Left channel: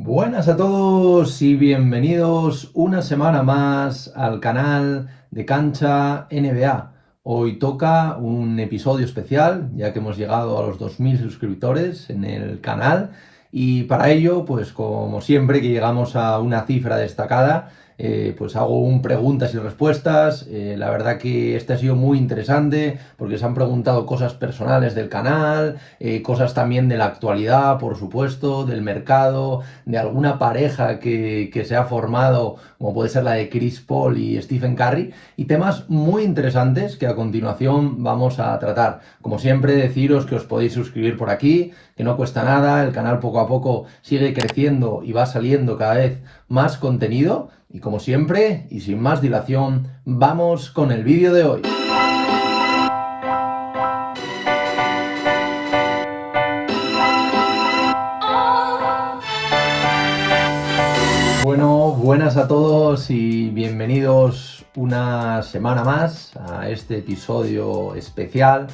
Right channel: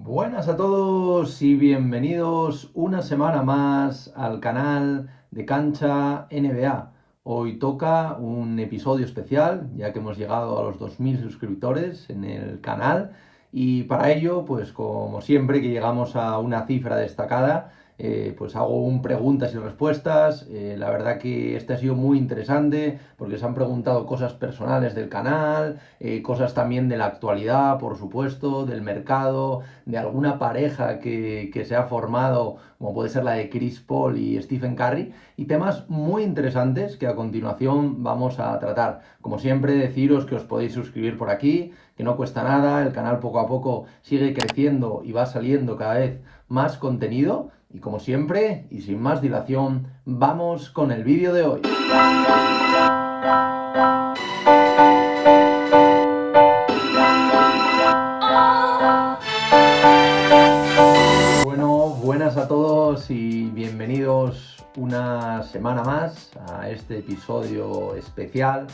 Buenas a todos y bienvenidos una semana más al canal de Cancha NBA. Hoy toca un episodio especial, ya que hemos llegado a los 2000 suscriptores en el canal y para ello, pues como siempre que llegamos a una cifra destacada, pues hago un preguntas y respuestas. La verdad que este ha sido muy interesante porque se han preguntado cosas personales del canal, cosas también de la actualidad, por supuesto, del mercado, de alguna pareja que se ha formado, como puede ser la de Chris Paul y Stephen Curry, y temas muy interesantes que a continuación vamos a tratar. Como siempre, deciros que os podéis suscribir por aquí, que no cuesta nada, el canal poco a poco sigue creciendo y va saliendo cada vez más contenido. Y como siempre, y sin más dilación, vamos con el vídeo de hoy. Bueno, buenas a todos y bienvenidos una semana más a este episodio especial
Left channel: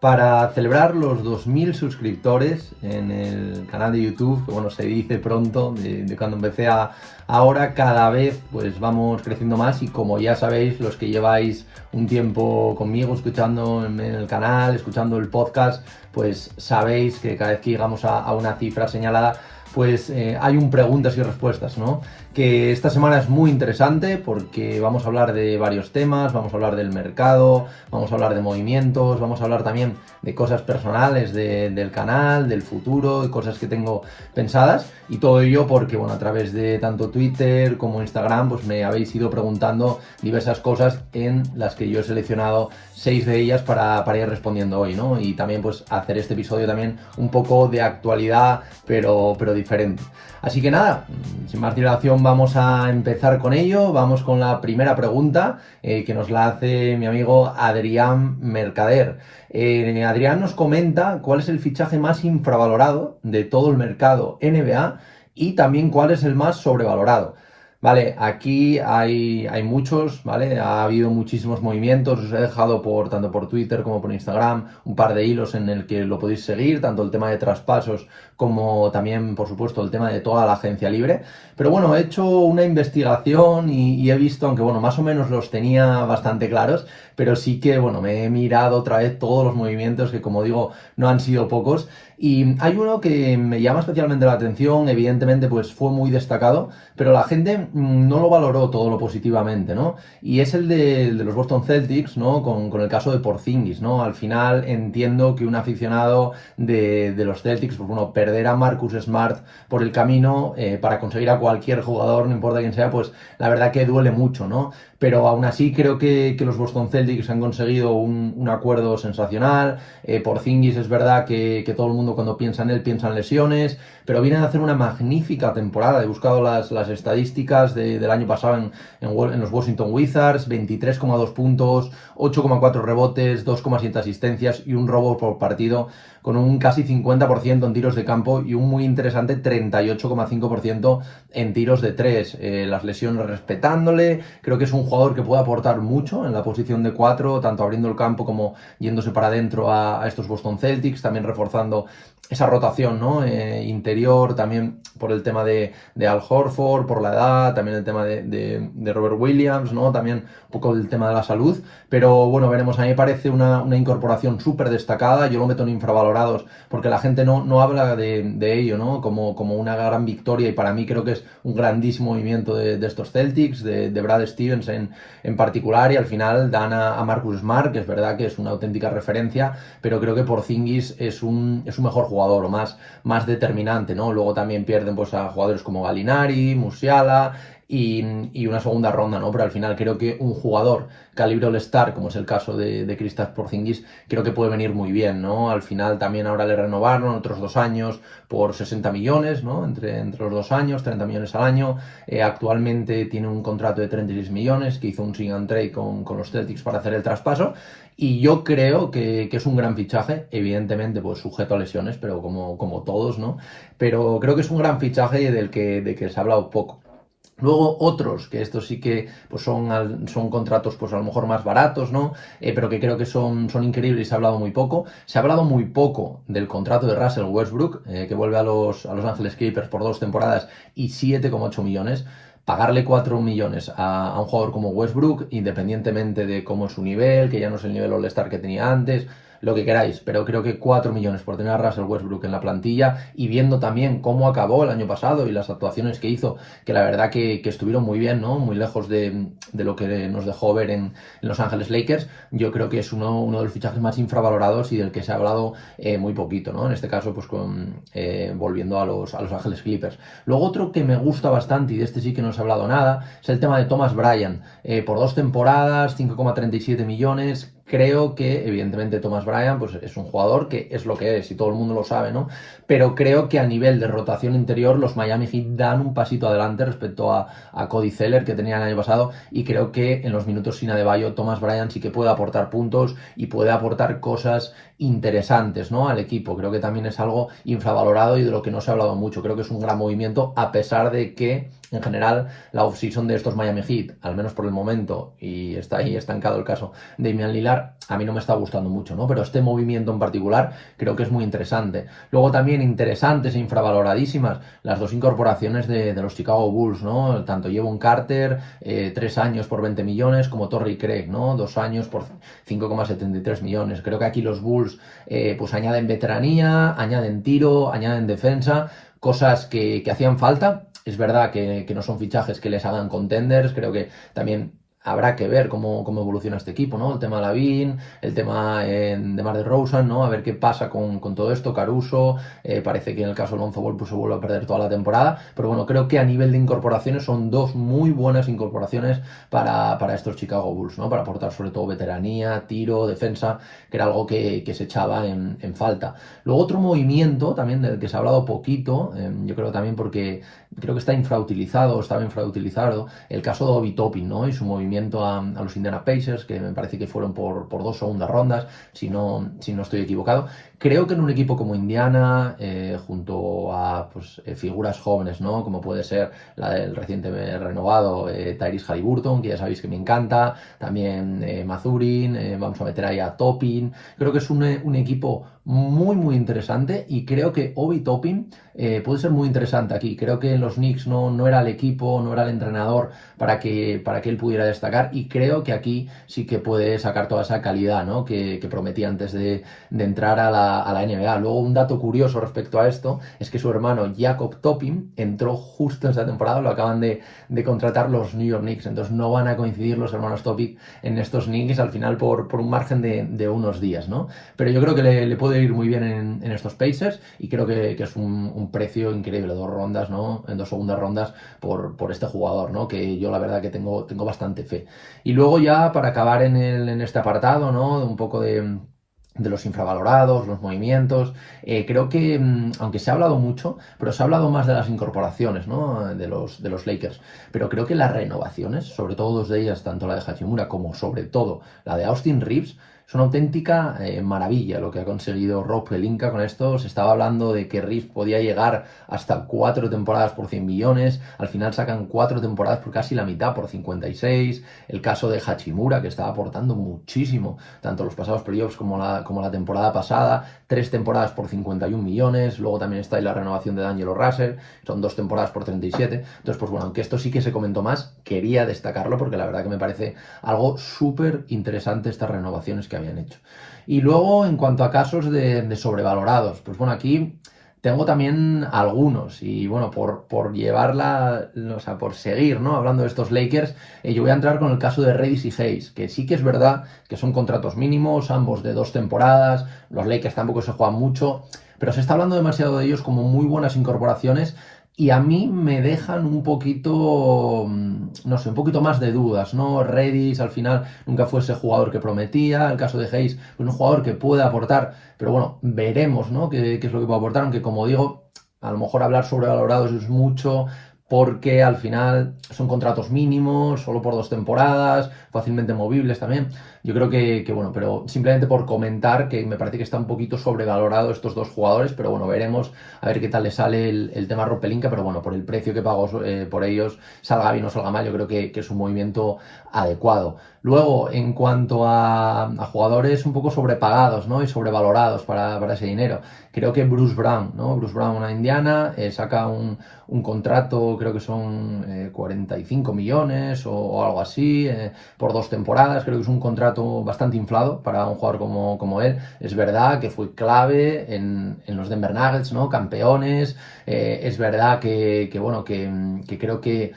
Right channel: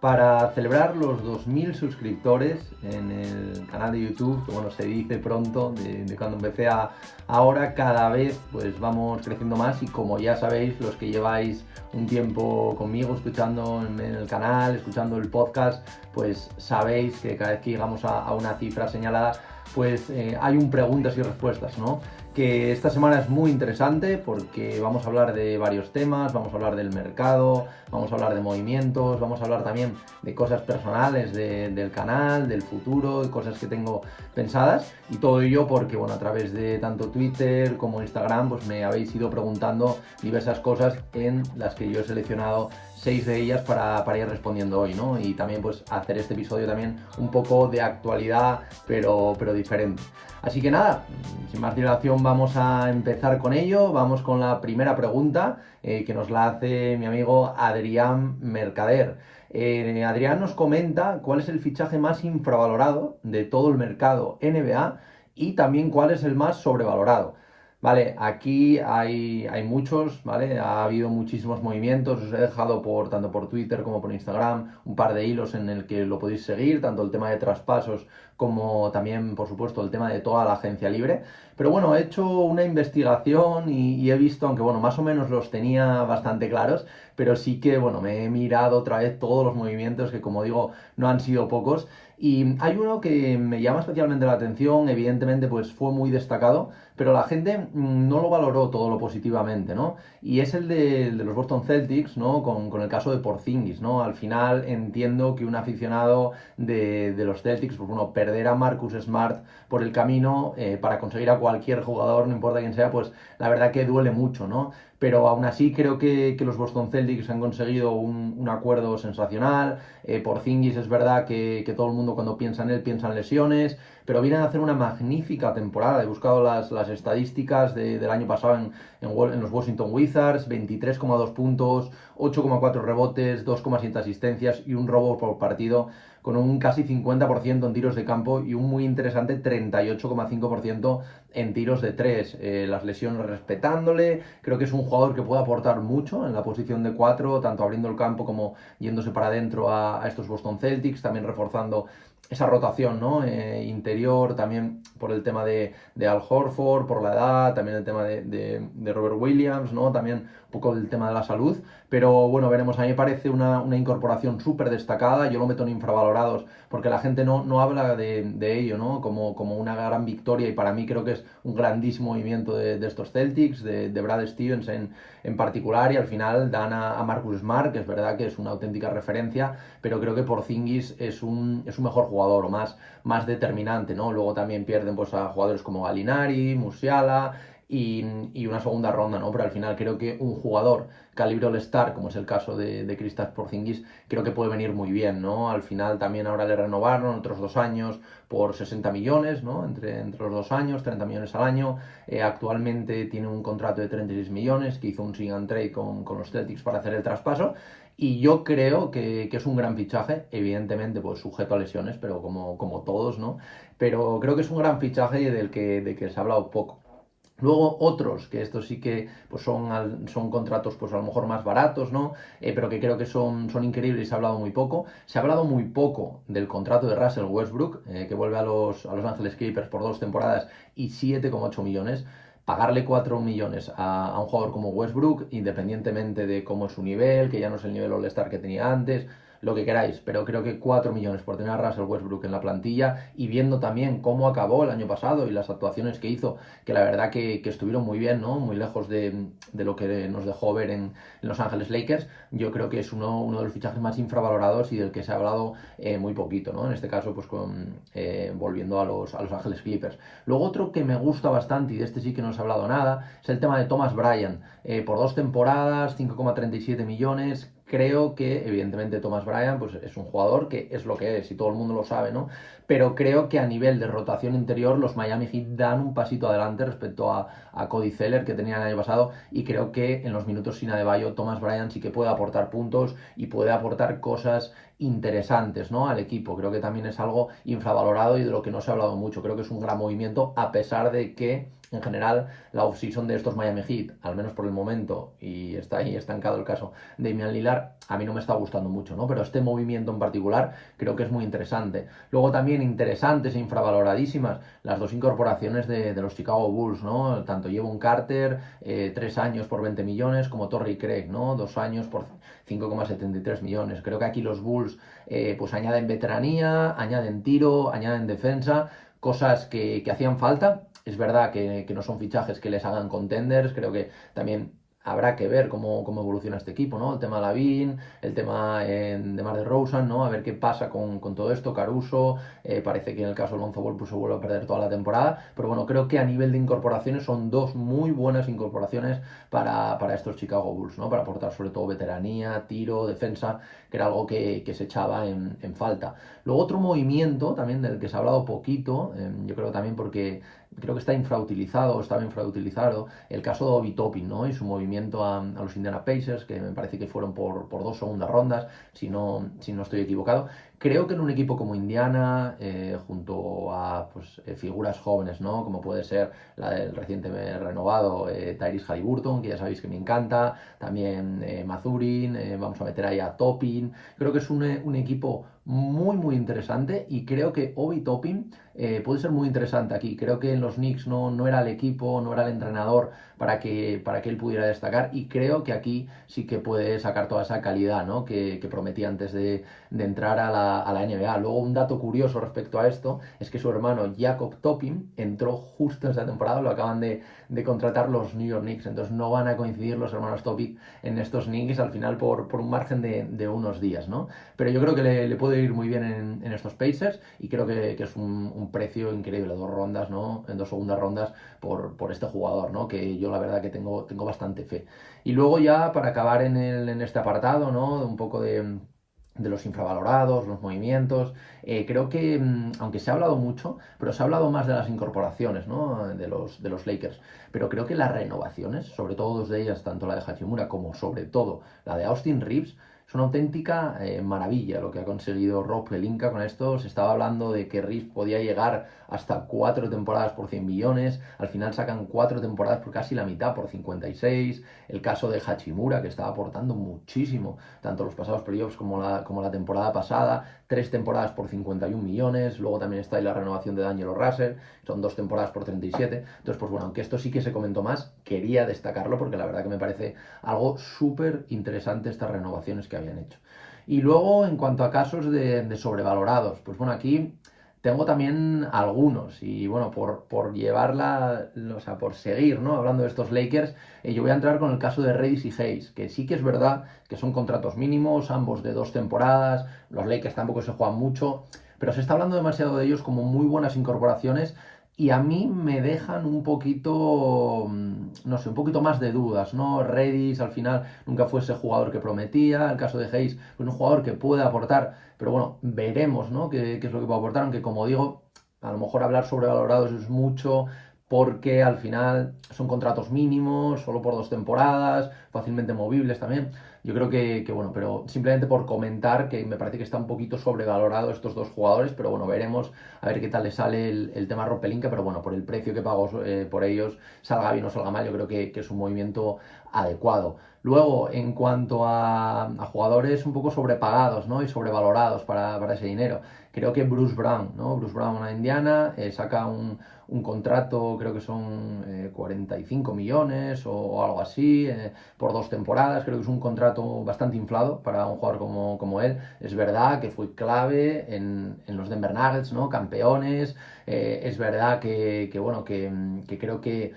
para celebrar los 2000 suscriptores en el canal de YouTube, que bueno, se dice pronto, de cuando empecé a ahora, cada vez pues vamos creciendo más y como ya sabéis, los que lleváis un tiempo conmigo escuchando en el canal, escuchando el podcast, pues sabéis que cada vez que llegamos a una cifra señalada, pues hay un preguntas y respuestas, ¿no? Que esta semana es muy interesante porque vamos a hablar de varios temas, vamos a hablar del mercado, vamos a hablar de movimientos, vamos a hablar también de cosas personales del canal, del futuro, y cosas que tengo pensadas, y todo ello porque, bueno, a través de tanto Twitter como Instagram, pues me habéis ido preguntando diversas cosas en las que yo he seleccionado 6 de ellas para ir respondiendo hoy, ¿no? Y también pues hacer este episodio también un poco de actualidad, pero diferente. Así que nada, sin más dilación vamos a empezar con ello. Vamos con la primera pregunta que nos la hace mi amigo Adrián Mercader. Adrián nos comenta cuál es el fichaje más infravalorado de todo el mercado NBA y también cuál es el más sobrevalorado. Vale, aquí hay muchos, ¿vale? Ha habido muchísimos movimientos, os he dejado tanto por Twitter como por Instagram un par de hilos en el que lo podéis seguir, tanto el tema de traspasos como también, por supuesto, el tema de toda la agencia libre. Pero bueno, he hecho una investigación y he visto, aunque bueno, más o menos los tenía bastante claros, pero sí que, bueno, me he mirado otra vez todos los movimientos que, como digo, no han sido pocos. Y hay uno que me llama especialmente la atención, evidentemente, pues fue muy destacado, pero la gente no lo valoró todo lo positivamente, ¿no? Y es el de los Boston Celtics, ¿no? Con el caso de Porzingis, ¿no? Al final entiendo que un aficionado de los Celtics, pues bueno, perder a Marcus Smart por el camino para conseguir a cualquier jugador, no importa quién sea, pues la verdad que duele mucho, ¿no? Pero aún así creo que los Boston Celtics han conseguido un acuerdo sensacional. Porzingis es verdad que todo el mundo cuando piensa en él piensa en lesiones, pero vienen a hacer una magnífica temporada. He buscado las estadísticas del año pasado en los Washington Wizards: 23,2 puntos, 8,4 rebotes, 2,7 asistencias y un robo por partido, con un casi 50% en tiros de campo y un muy interesante 38,5% en tiros de 3. Las lesiones respetándole, creo que es un jugador que puede aportar mucho en la posición de 4, tanto abriendo el campo como yéndose para adentro a estos Boston Celtics, también reforzando esa rotación, ¿no? Interior, también por el tema de Al Horford, por la edad, también el tema de Robert Williams, ¿no? También un poco el tema de la salud, pero bueno, veremos. A mí me parece una incorporación súper destacada. Yo lo meto en infravalorados porque la gente no habla de ello, ¿no? Como una gran victoria, y para mí creo que es un grandísimo movimiento de estos Celtics, de Brad Stevens en particular, y al final dan a Marcus Smart, que es verdad que es una auténtica referencia, pero creo que Porzingis es un mejor jugador o más determinante, ¿no? Luego también pierden pues a jugadores como Gallinari, Musiala y una segunda ronda, ¿no? Pero al final creo que un jugador calibre All-Star, como es el caso de Kristaps Porzingis, creo que puede venir muy bien, ¿no? Al final también ahora le renovaron otros 2 años por 60 millones, ¿no? Entre los 2 años, 30 millones al año. Actualmente tiene un contrato de 36 millones que hizo un sign and trade con los Celtics para hacer el traspaso. Y yo creo que es un gran fichaje, evidentemente pues sujeto a lesiones, pero como todos, ¿no? Pero creo que es un gran fichaje del que se ha hablado poco. Luego otros, que estos sí que pues son contratos pues a lo mejor más baratos, ¿no? Pero que creo que son increíbles y se ha hablado muy poco. Se ha hablado muy poco del contrato de Russell Westbrook, que vuelve a los Ángeles Clippers por 2 temporadas y 7,8 millones. Pagarle 4 millones a un jugador como Westbrook, independientemente de cómo es su nivel, que ya no es el nivel All-Star que tenía antes, lo que queráis, pero creo que 4 millones por tener a Russell Westbrook en la plantilla y viendo también cómo acabó el año pasado y las actuaciones que hizo, que la verdad que estuvieron muy bien, ¿no? Muy lejos de lo que nos dejó ver en Los Ángeles Lakers. Yo creo que es uno de los fichajes más infravalorados y del que se ha hablado muy poquito, ¿no? En este caso, pues volviendo a los Ángeles Clippers. Luego otro que me gusta bastante, y de este sí que no se ha hablado nada, es el tema de Thomas Bryant. Por 2 temporadas, 5,37 millones. Creo que, evidentemente, Thomas Bryant pues, es un jugador que es lo que es y todo el mundo lo sabe, ¿no? Pero creo que a nivel de rotación interior los Miami Heat dan un pasito adelante respecto a Cody Zeller que tenía el año pasado y creo que en los minutos sin Adebayo Thomas Bryant sí que puede aportar puntos y puede aportar cosas interesantes, ¿no? Al equipo. Creo que también es algo infravalorado y de lo que no se ha hablado mucho. Creo que es un gran movimiento a pesar de que en general la offseason de estos Miami Heat, al menos por el momento, y está ahí estancado el caso de Damian Lillard, a mí no me está gustando mucho, ¿no? Pero este movimiento en particular creo que es muy interesante. Luego también interesantes e infravaloradísimas las dos incorporaciones de los Chicago Bulls, ¿no? Tanto Jevon Carter, 3 años por 20 millones, como Torrey Craig, ¿no? 2 años por 5,73 millones. Creo que aquí los Bulls pues añaden veteranía, añaden tiro, añaden defensa, cosas que hacían falta. Es verdad que no son fichajes que les hagan contenders, creo que también habrá que ver cómo evoluciona este equipo, ¿no? El tema Lavin, el tema de Mar de Rosen, ¿no? A ver qué pasa con todo esto, Caruso, parece que en el caso de Lonzo Ball pues se vuelve a perder toda la temporada, pero bueno, creo que a nivel de incorporaciones son dos muy buenas incorporaciones para estos Chicago Bulls, ¿no? Para aportar sobre todo veteranía, tiro, defensa, que era algo que se echaba en falta. Luego otro movimiento también del que se ha hablado poquito, yo creo también porque creo que está infrautilizado, estaba infrautilizado, el caso de Obi Toppin, ¿no? Y su movimiento a los Indiana Pacers, que me parece que fueron por 2 segundas rondas, si no estoy equivocado. Creo que en un equipo como Indiana, junto a pues, figuras jóvenes, ¿no? Como puede ser la del recientemente renovado Tyrese Haliburton, que ya sabéis que me encanta, también Mazurin, vamos a meter ahí a Toppin. Creo que es un equipo muy, muy interesante y creo que Obi Toppin puede ser muy interesante aquí. Creo que en los Knicks no era el equipo, no era el entrenador para que él pudiera destacar y creo que aquí sí que puede sacar toda esa calidad, ¿no? que prometía antes de entrar a la NBA. Luego un dato curioso respecto a esto es que su hermano Jacob Toppin entró justo en esa temporada, lo acaban de contratar los New York Knicks, entonces no van a coincidir los hermanos Toppin en estos Knicks al final por un margen de unos días, ¿no? Pero yo creo que le puede ir muy bien en estos Pacers y creo que es un precio increíble, 2 rondas, ¿no? En 2 segundas rondas por este jugador, ¿no? Que yo la verdad que tengo bastante fe. Y luego ya para acabar en este apartado, ¿no? Un poco de los infravalorados, los movimientos. Creo que, aunque se ha hablado mucho, pero se ha hablado más de las incorporaciones, ¿no? de los Lakers. Pero creo que las renovaciones, sobre todo dos de ellas, tanto la de Hachimura como sobre todo la de Austin Reeves, es una auténtica maravilla lo que ha conseguido Rob Pelinka con esto. Se estaba hablando de que Reeves podía llegar hasta 4 temporadas por 100 millones. Al final sacan 4 temporadas por casi la mitad, por 56. El caso de Hachimura, que estaba aportando muchísimo, tanto los pasados playoffs como la temporada pasada. 3 temporadas por 51 millones. Luego también está ahí la renovación de D'Angelo Russell. Son 2 temporadas por 37. Entonces, pues bueno, aunque esto sí que se comentó más, quería destacarlo porque la verdad que me parece algo súper interesante estas renovaciones que habían hecho. Y luego, en cuanto a casos de sobrevalorados, pues bueno, aquí tengo también algunos y bueno, por llevarla, o sea, por seguir, ¿no? Hablando de estos Lakers, yo voy a entrar con el caso de Reddish y Hayes, que sí que es verdad que son contratos mínimos, ambos de 2 temporadas, los Lakers tampoco se juegan mucho, pero se está hablando demasiado de ellos como muy buenas incorporaciones y a mí me dejan un poquito, no sé, un poquito más de dudas, ¿no? Redis al final nunca fue ese jugador que prometía, el caso de Hayes, pues un jugador que puede aportar, pero bueno, veremos, ¿no? ¿Qué es lo que puede aportar? Aunque como digo, a lo mejor hablar sobre valorados es mucho, porque al final son contratos mínimos, solo por 2 temporadas, fácilmente movibles también. Yo creo que, bueno, pero simplemente por comentar que me parece que está un poquito sobrevalorado estos dos jugadores, pero bueno, veremos a ver qué tal le sale el tema Rob Pelinka, pero bueno, por el precio que pagó por ellos, salga bien o salga mal, yo creo que es un movimiento adecuado. Luego, en cuanto a jugadores un poco sobrepagados, ¿no? Y sobrevalorados para ese dinero, creo que Bruce Brown, ¿no? Bruce Brown, una indiana, saca un contrato, creo que son 45 millones o algo así, por 2 temporadas. Creo que es un contrato bastante inflado para un jugador como él. Es verdad que fue clave en los Denver Nuggets, ¿no? Campeones. Es verdad bueno, que creo que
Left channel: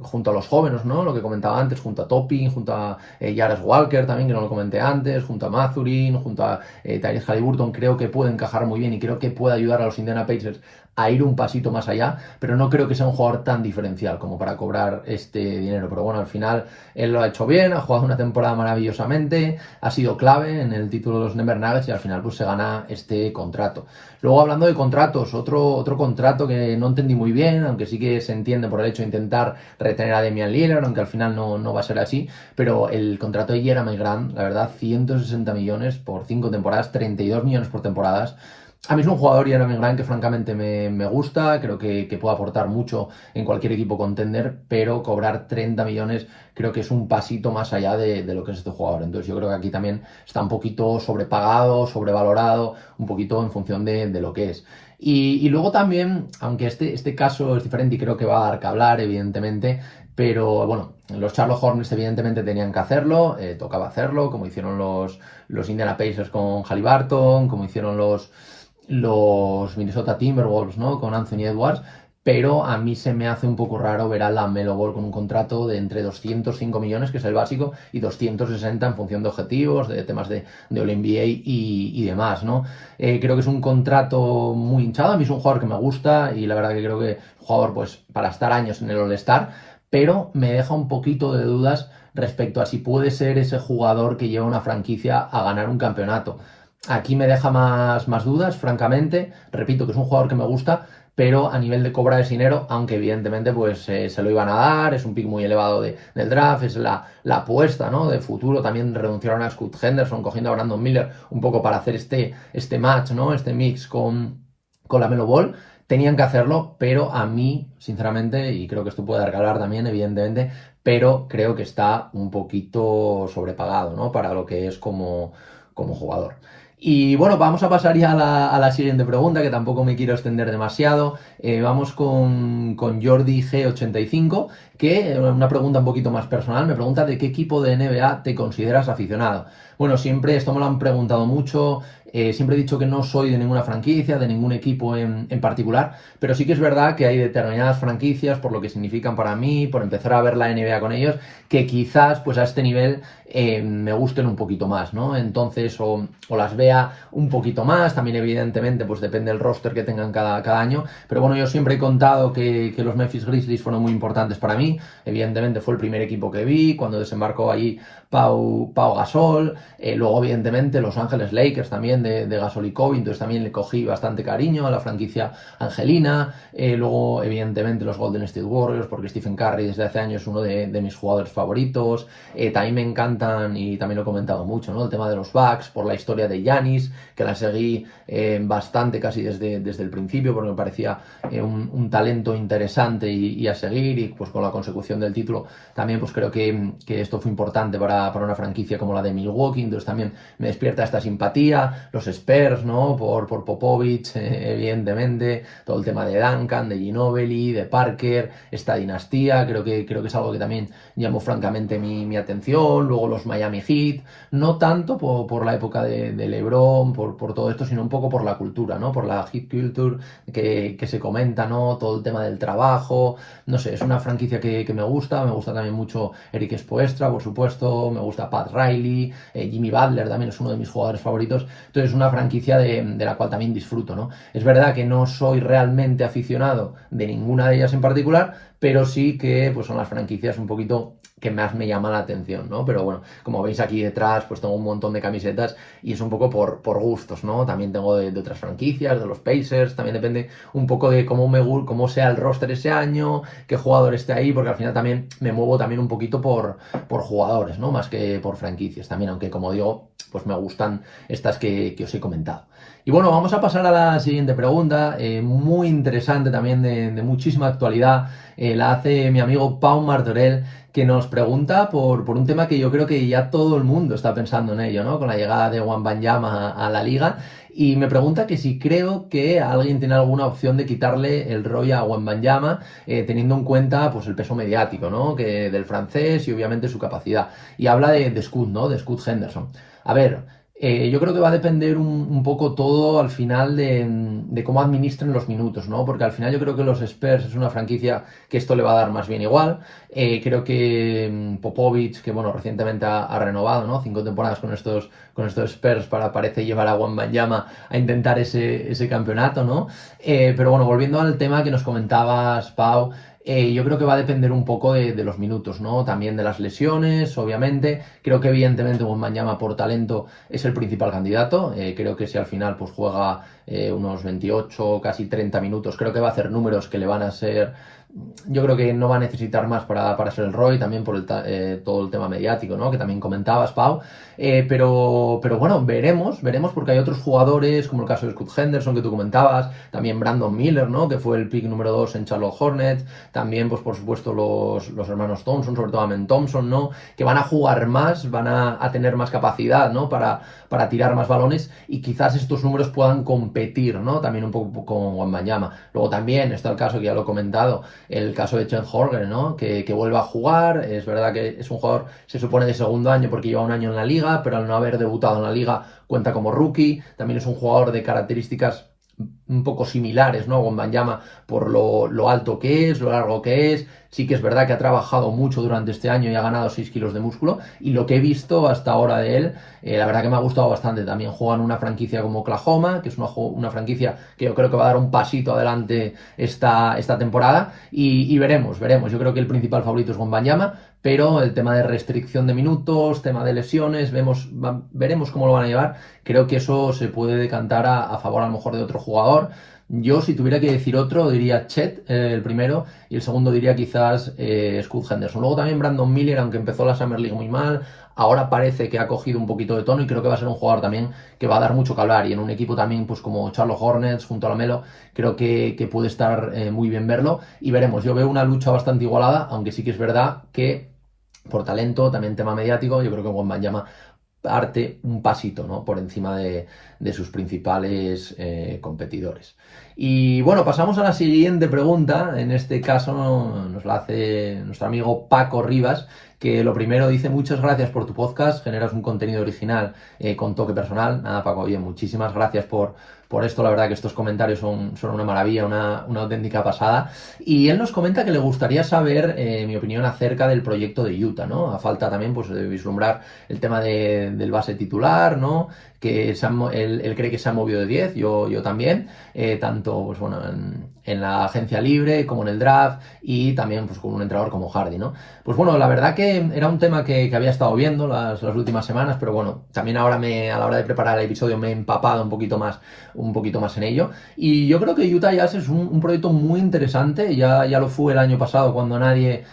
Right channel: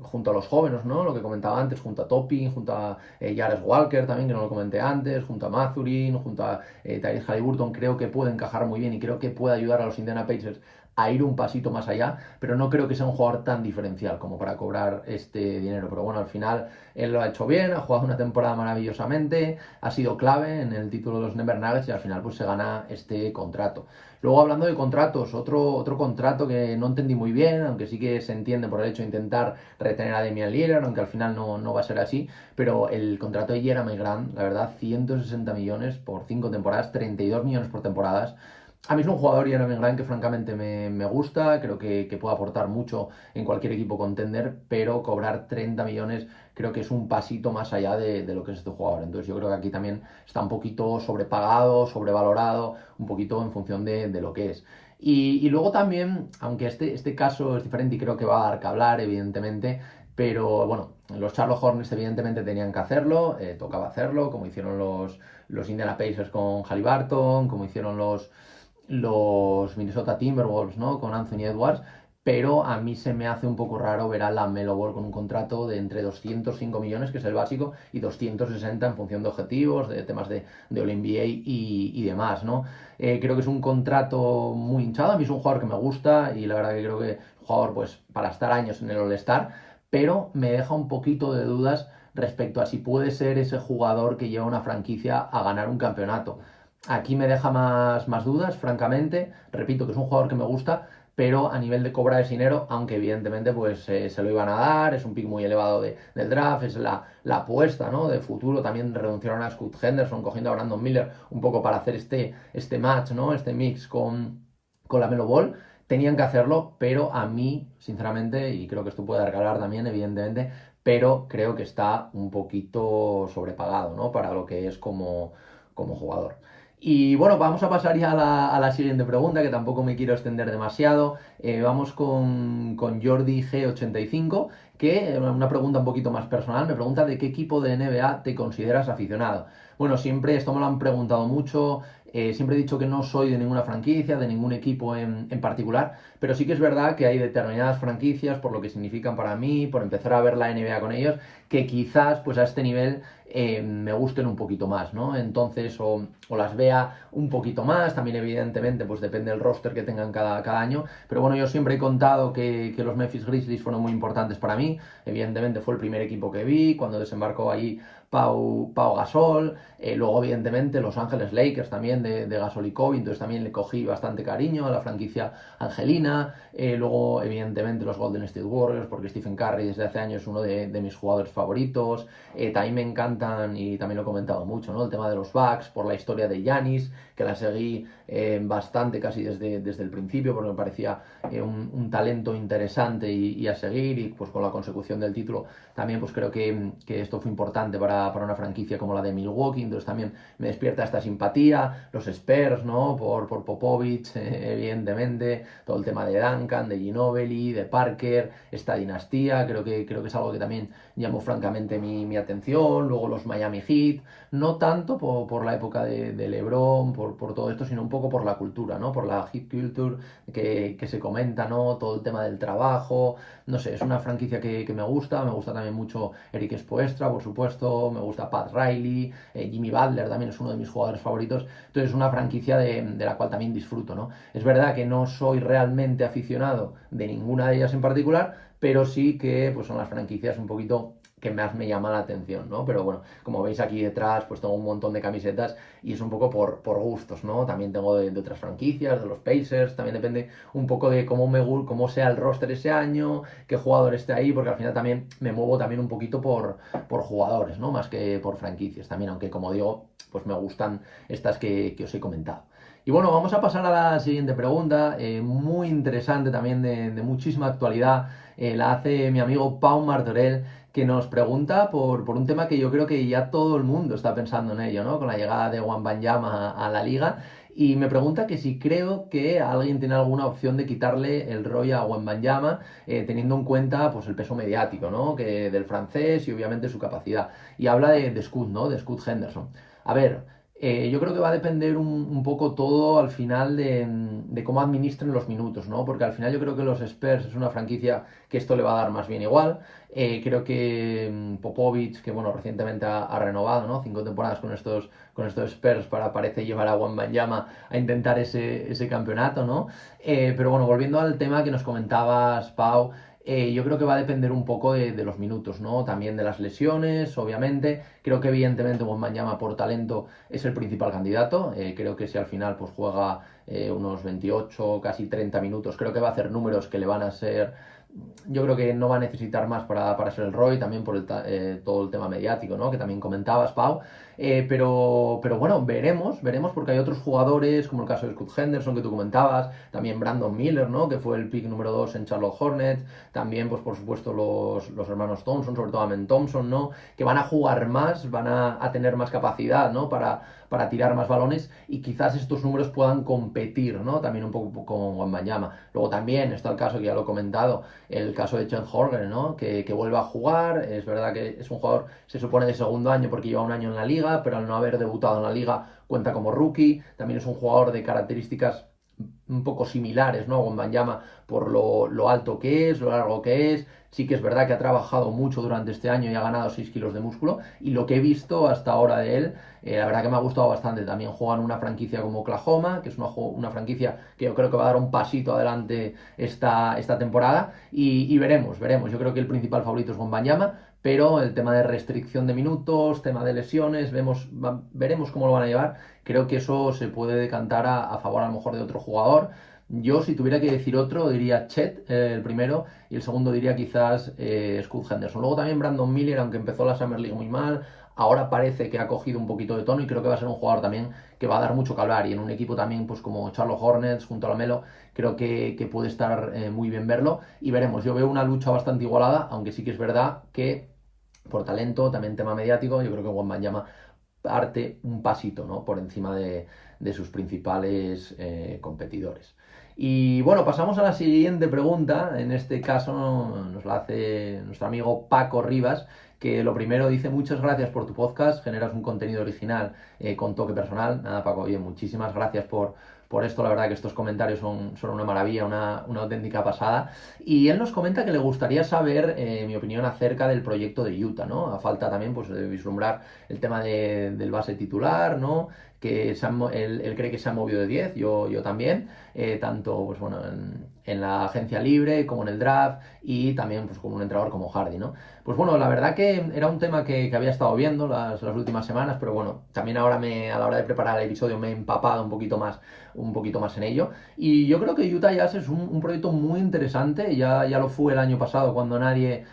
junto a los jóvenes, ¿no? Lo que comentaba antes, junto a Topping, junto a Jarvis Walker también, que no lo comenté antes, junto a Mathurin, junto a Tyrese Haliburton, creo que puede encajar muy bien y creo que puede ayudar a los Indiana Pacers a ir un pasito más allá, pero no creo que sea un jugador tan diferencial como para cobrar este dinero. Pero bueno, al final él lo ha hecho bien, ha jugado una temporada maravillosamente, ha sido clave en el título de los Denver Nuggets y al final pues se gana este contrato. Luego, hablando de contratos, otro contrato que no entendí muy bien, aunque sí que se entiende por el hecho de intentar retener a Damian Lillard, aunque al final no va a ser así, pero el contrato de Jeremy Grant, la verdad, 160 millones por 5 temporadas, 32 millones por temporadas. A mí es un jugador, Jeremy Grant, que francamente me gusta, creo que puede aportar mucho en cualquier equipo contender, pero cobrar 30 millones creo que es un pasito más allá de lo que es este jugador. Entonces yo creo que aquí también está un poquito sobrepagado, sobrevalorado, un poquito en función de lo que es. Y luego también, aunque este caso es diferente y creo que va a dar que hablar, evidentemente, pero bueno, los Charlotte Hornets evidentemente tenían que hacerlo, tocaba hacerlo, como hicieron los Indiana Pacers con Haliburton, como hicieron los Minnesota Timberwolves, ¿no? Con Anthony Edwards, pero a mí se me hace un poco raro ver a LaMelo Ball con un contrato de entre 205 millones, que es el básico, y 260 en función de objetivos, de temas de All-NBA y demás, ¿no? Creo que es un contrato muy hinchado, a mí es un jugador que me gusta y la verdad que creo que es un jugador pues para estar años en el All-Star, pero me deja un poquito de dudas respecto a si puede ser ese jugador que lleva una franquicia a ganar un campeonato. Aquí me deja más dudas, francamente. Repito que es un jugador que me gusta, pero a nivel de cobrar ese dinero, aunque evidentemente pues se lo iban a dar, es un pick muy elevado del draft, es la apuesta, ¿no? De futuro. También renunciaron a Scoot Henderson cogiendo a Brandon Miller un poco para hacer este match, ¿no? Este mix con la Melo Ball. Tenían que hacerlo, pero a mí, sinceramente, y creo que esto puede dar que hablar también, evidentemente, pero creo que está un poquito sobrepagado, ¿no? Para lo que es como jugador. Y bueno, vamos a pasar ya a la siguiente pregunta, que tampoco me quiero extender demasiado. Vamos con Jordi G85, que una pregunta un poquito más personal. Me pregunta de qué equipo de NBA te consideras aficionado. Bueno, siempre esto me lo han preguntado mucho. Siempre he dicho que no soy de ninguna franquicia, de ningún equipo en particular, pero sí que es verdad que hay determinadas franquicias, por lo que significan para mí, por empezar a ver la NBA con ellos, que quizás pues a este nivel me gusten un poquito más, ¿no? Entonces, o las vea un poquito más, también evidentemente pues depende del roster que tengan cada año, pero bueno, yo siempre he contado que los Memphis Grizzlies fueron muy importantes para mí, evidentemente fue el primer equipo que vi, cuando desembarcó ahí Pau Gasol, luego evidentemente Los Ángeles Lakers también de Gasol y Kobe, entonces también le cogí bastante cariño a la franquicia angelina, luego evidentemente los Golden State Warriors, porque Stephen Curry desde hace años es uno de mis jugadores favoritos, también me encantan, y también lo he comentado mucho, ¿no? El tema de los Bucks, por la historia de Giannis, que la seguí bastante casi desde el principio, porque me parecía un talento interesante y a seguir, y pues con la consecución del título también pues creo que esto fue importante para una franquicia como la de Milwaukee, entonces también me despierta esta simpatía, los Spurs, ¿no? Por Popovich, evidentemente, todo el tema de Duncan, de Ginobili, de Parker, esta dinastía, creo que es algo que también llamó francamente mi atención, luego los Miami Heat, no tanto por la época de LeBron, por todo esto, sino un poco por la cultura, ¿no? Por la Heat Culture que se comenta, ¿no? Todo el tema del trabajo, no sé, es una franquicia que me gusta también mucho Eric Spoelstra, por supuesto, me gusta Pat Riley, Jimmy Butler también es uno de mis jugadores favoritos, entonces es una franquicia de la cual también disfruto, ¿no? Es verdad que no soy realmente aficionado de ninguna de ellas en particular, pero sí que pues son las franquicias un poquito que más me llama la atención, ¿no? Pero bueno, como veis aquí detrás, pues tengo un montón de camisetas y es un poco por gustos, ¿no? También tengo de otras franquicias, de los Pacers, también depende un poco de cómo sea el roster ese año, qué jugador esté ahí, porque al final también me muevo también un poquito por jugadores, ¿no? Más que por franquicias también, aunque como digo, pues me gustan estas que os he comentado. Y bueno, vamos a pasar a la siguiente pregunta, muy interesante también de muchísima actualidad. La hace mi amigo Pau Martorell, que nos pregunta por un tema que yo creo que ya todo el mundo está pensando en ello, ¿no? Con la llegada de Wembanyama a la liga. Y me pregunta que si creo que alguien tiene alguna opción de quitarle el rol a Wembanyama, teniendo en cuenta pues, el peso mediático, ¿no? Del francés y obviamente su capacidad. Y habla de Scoot, ¿no? De Scoot Henderson. A ver, yo creo que va a depender un poco todo al final de cómo administren los minutos, ¿no? Porque al final yo creo que los Spurs es una franquicia que esto le va a dar más bien igual. Creo que Popovich, que bueno, recientemente ha renovado, ¿no? 5 temporadas con estos Spurs parece llevar a Wembanyama a intentar ese campeonato, ¿no? Pero bueno, volviendo al tema que nos comentabas, Pau, yo creo que va a depender un poco de los minutos, ¿no? También de las lesiones, obviamente. Creo que evidentemente Wembanyama por talento es el principal candidato. Creo que si al final pues juega unos 28, casi 30 minutos, creo que va a hacer números que le van a ser. Yo creo que no va a necesitar más para ser el Roy, también por todo el tema mediático, ¿no? Que también comentabas, Pau. Pero bueno, veremos, porque hay otros jugadores, como el caso de Scoot Henderson que tú comentabas, también Brandon Miller, ¿no? Que fue el pick número 2 en Charlotte Hornets, también, pues por supuesto, los hermanos Thompson, sobre todo Amen Thompson, ¿no? Que van a jugar más, van a tener más capacidad, ¿no? Para tirar más balones y quizás estos números puedan competir, ¿no? También un poco con Wembanyama. Luego también está el caso que ya lo he comentado, el caso de Chen Horger, ¿no? Que vuelve a jugar. Es verdad que es un jugador, se supone, de segundo año porque lleva un año en la liga, pero al no haber debutado en la liga cuenta como rookie. También es un jugador de características un poco similares, ¿no? Wembanyama por lo alto que es, lo largo que es. Sí que es verdad que ha trabajado mucho durante este año y ha ganado 6 kilos de músculo. Y lo que he visto hasta ahora de él, la verdad que me ha gustado bastante. También juega en una franquicia como Oklahoma, que es una franquicia que yo creo que va a dar un pasito adelante esta temporada. Y veremos. Yo creo que el principal favorito es Wembanyama, pero el tema de restricción de minutos, tema de lesiones, veremos cómo lo van a llevar. Creo que eso se puede decantar a favor a lo mejor de otro jugador. Yo, si tuviera que decir otro, diría Chet, el primero, y el segundo diría quizás Scoot Henderson. Luego también Brandon Miller, aunque empezó la Summer League muy mal, ahora parece que ha cogido un poquito de tono y creo que va a ser un jugador también que va a dar mucho que hablar. Y en un equipo también, pues como Charlotte Hornets, junto a la Melo, creo que puede estar muy bien verlo. Y veremos, yo veo una lucha bastante igualada, aunque sí que es verdad que por talento, también tema mediático, yo creo que Wembanyama parte un pasito, ¿no? Por encima de sus principales competidores. Y bueno, pasamos a la siguiente pregunta. En este caso nos la hace nuestro amigo Paco Rivas, que lo primero dice: muchas gracias por tu podcast, generas un contenido original con toque personal. Nada, Paco, bien, muchísimas gracias por esto. La verdad que estos comentarios son una maravilla, una auténtica pasada. Y él nos comenta que le gustaría saber mi opinión acerca del proyecto de Utah, ¿no? A falta también pues, de vislumbrar el tema del base titular, ¿no? Que él cree que se ha movido de 10, yo también, tanto pues, bueno, en la agencia libre como en el draft y también pues, con un entrenador como Hardy, ¿no? Pues bueno, la verdad que era un tema que había estado viendo las últimas semanas, pero bueno, también ahora a la hora de preparar el episodio me he empapado un poquito más en ello. Y yo creo que Utah Jazz es un proyecto muy interesante, ya lo fue el año pasado cuando nadie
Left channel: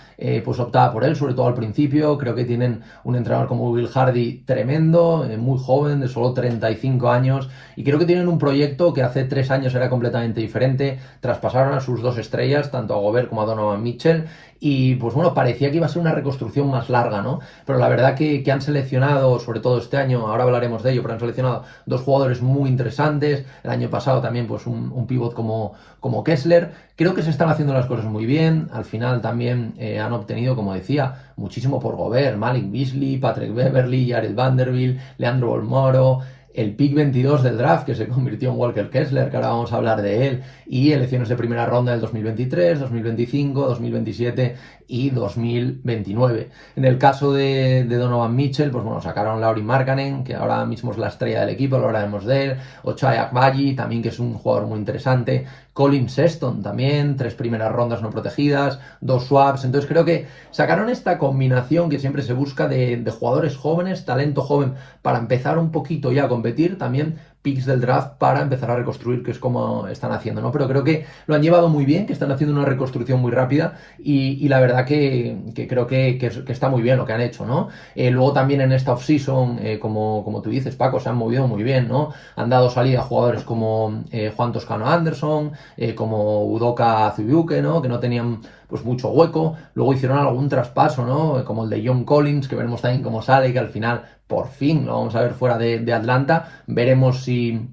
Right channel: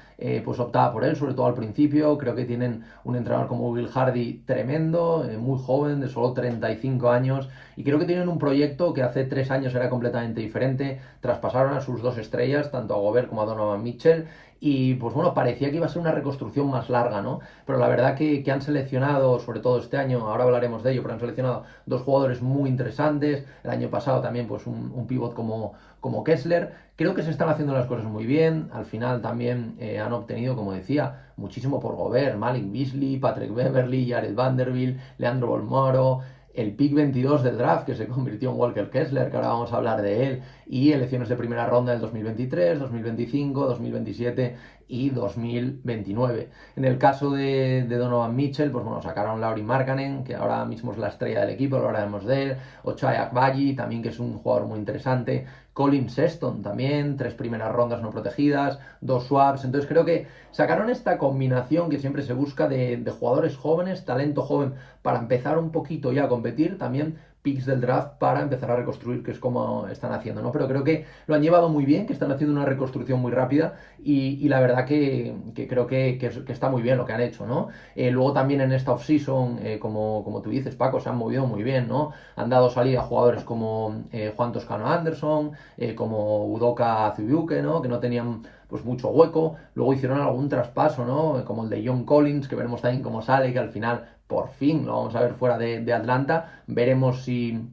pues optaba por él, sobre todo al principio. Creo que tienen un entrenador como Will Hardy tremendo, muy joven, de solo 35 años, y creo que tienen un proyecto que hace 3 años era completamente diferente. Traspasaron a sus 2 estrellas, tanto a Gobert como a Donovan Mitchell, y pues bueno, parecía que iba a ser una reconstrucción más larga, ¿no? Pero la verdad que han seleccionado, sobre todo este año, ahora hablaremos de ello, pero han seleccionado 2 jugadores muy interesantes. El año pasado también pues un pivot como Kessler. Creo que se están haciendo las cosas muy bien. Al final también han obtenido, como decía, muchísimo por Gobert, Malik Beasley, Patrick Beverley, Jared Vanderbilt, Leandro Bolmaro, el pick 22 del draft que se convirtió en Walker Kessler, que ahora vamos a hablar de él, y elecciones de primera ronda del 2023, 2025, 2027 y 2029. En el caso de Donovan Mitchell, pues bueno, sacaron Lauri Markkanen, que ahora mismo es la estrella del equipo, lo hablaremos de él, Ochai Agbaji, también que es un jugador muy interesante, Colin Sexton también, 3 primeras rondas no protegidas, 2 swaps. Entonces creo que sacaron esta combinación que siempre se busca de jugadores jóvenes, talento joven para empezar un poquito ya a competir, también picks del draft para empezar a reconstruir, que es como están haciendo, ¿no? Pero creo que lo han llevado muy bien, que están haciendo una reconstrucción muy rápida y la verdad que creo que está muy bien lo que han hecho, ¿no? Luego también en esta offseason, como tú dices, Paco, se han movido muy bien, ¿no? Han dado salida a jugadores como Juan Toscano Anderson, como Udoka Azubuike, ¿no? Que no tenían pues mucho hueco. Luego hicieron algún traspaso, ¿no? Como el de John Collins, que veremos también cómo sale, que al final por fin lo vamos a ver fuera de Atlanta. Veremos si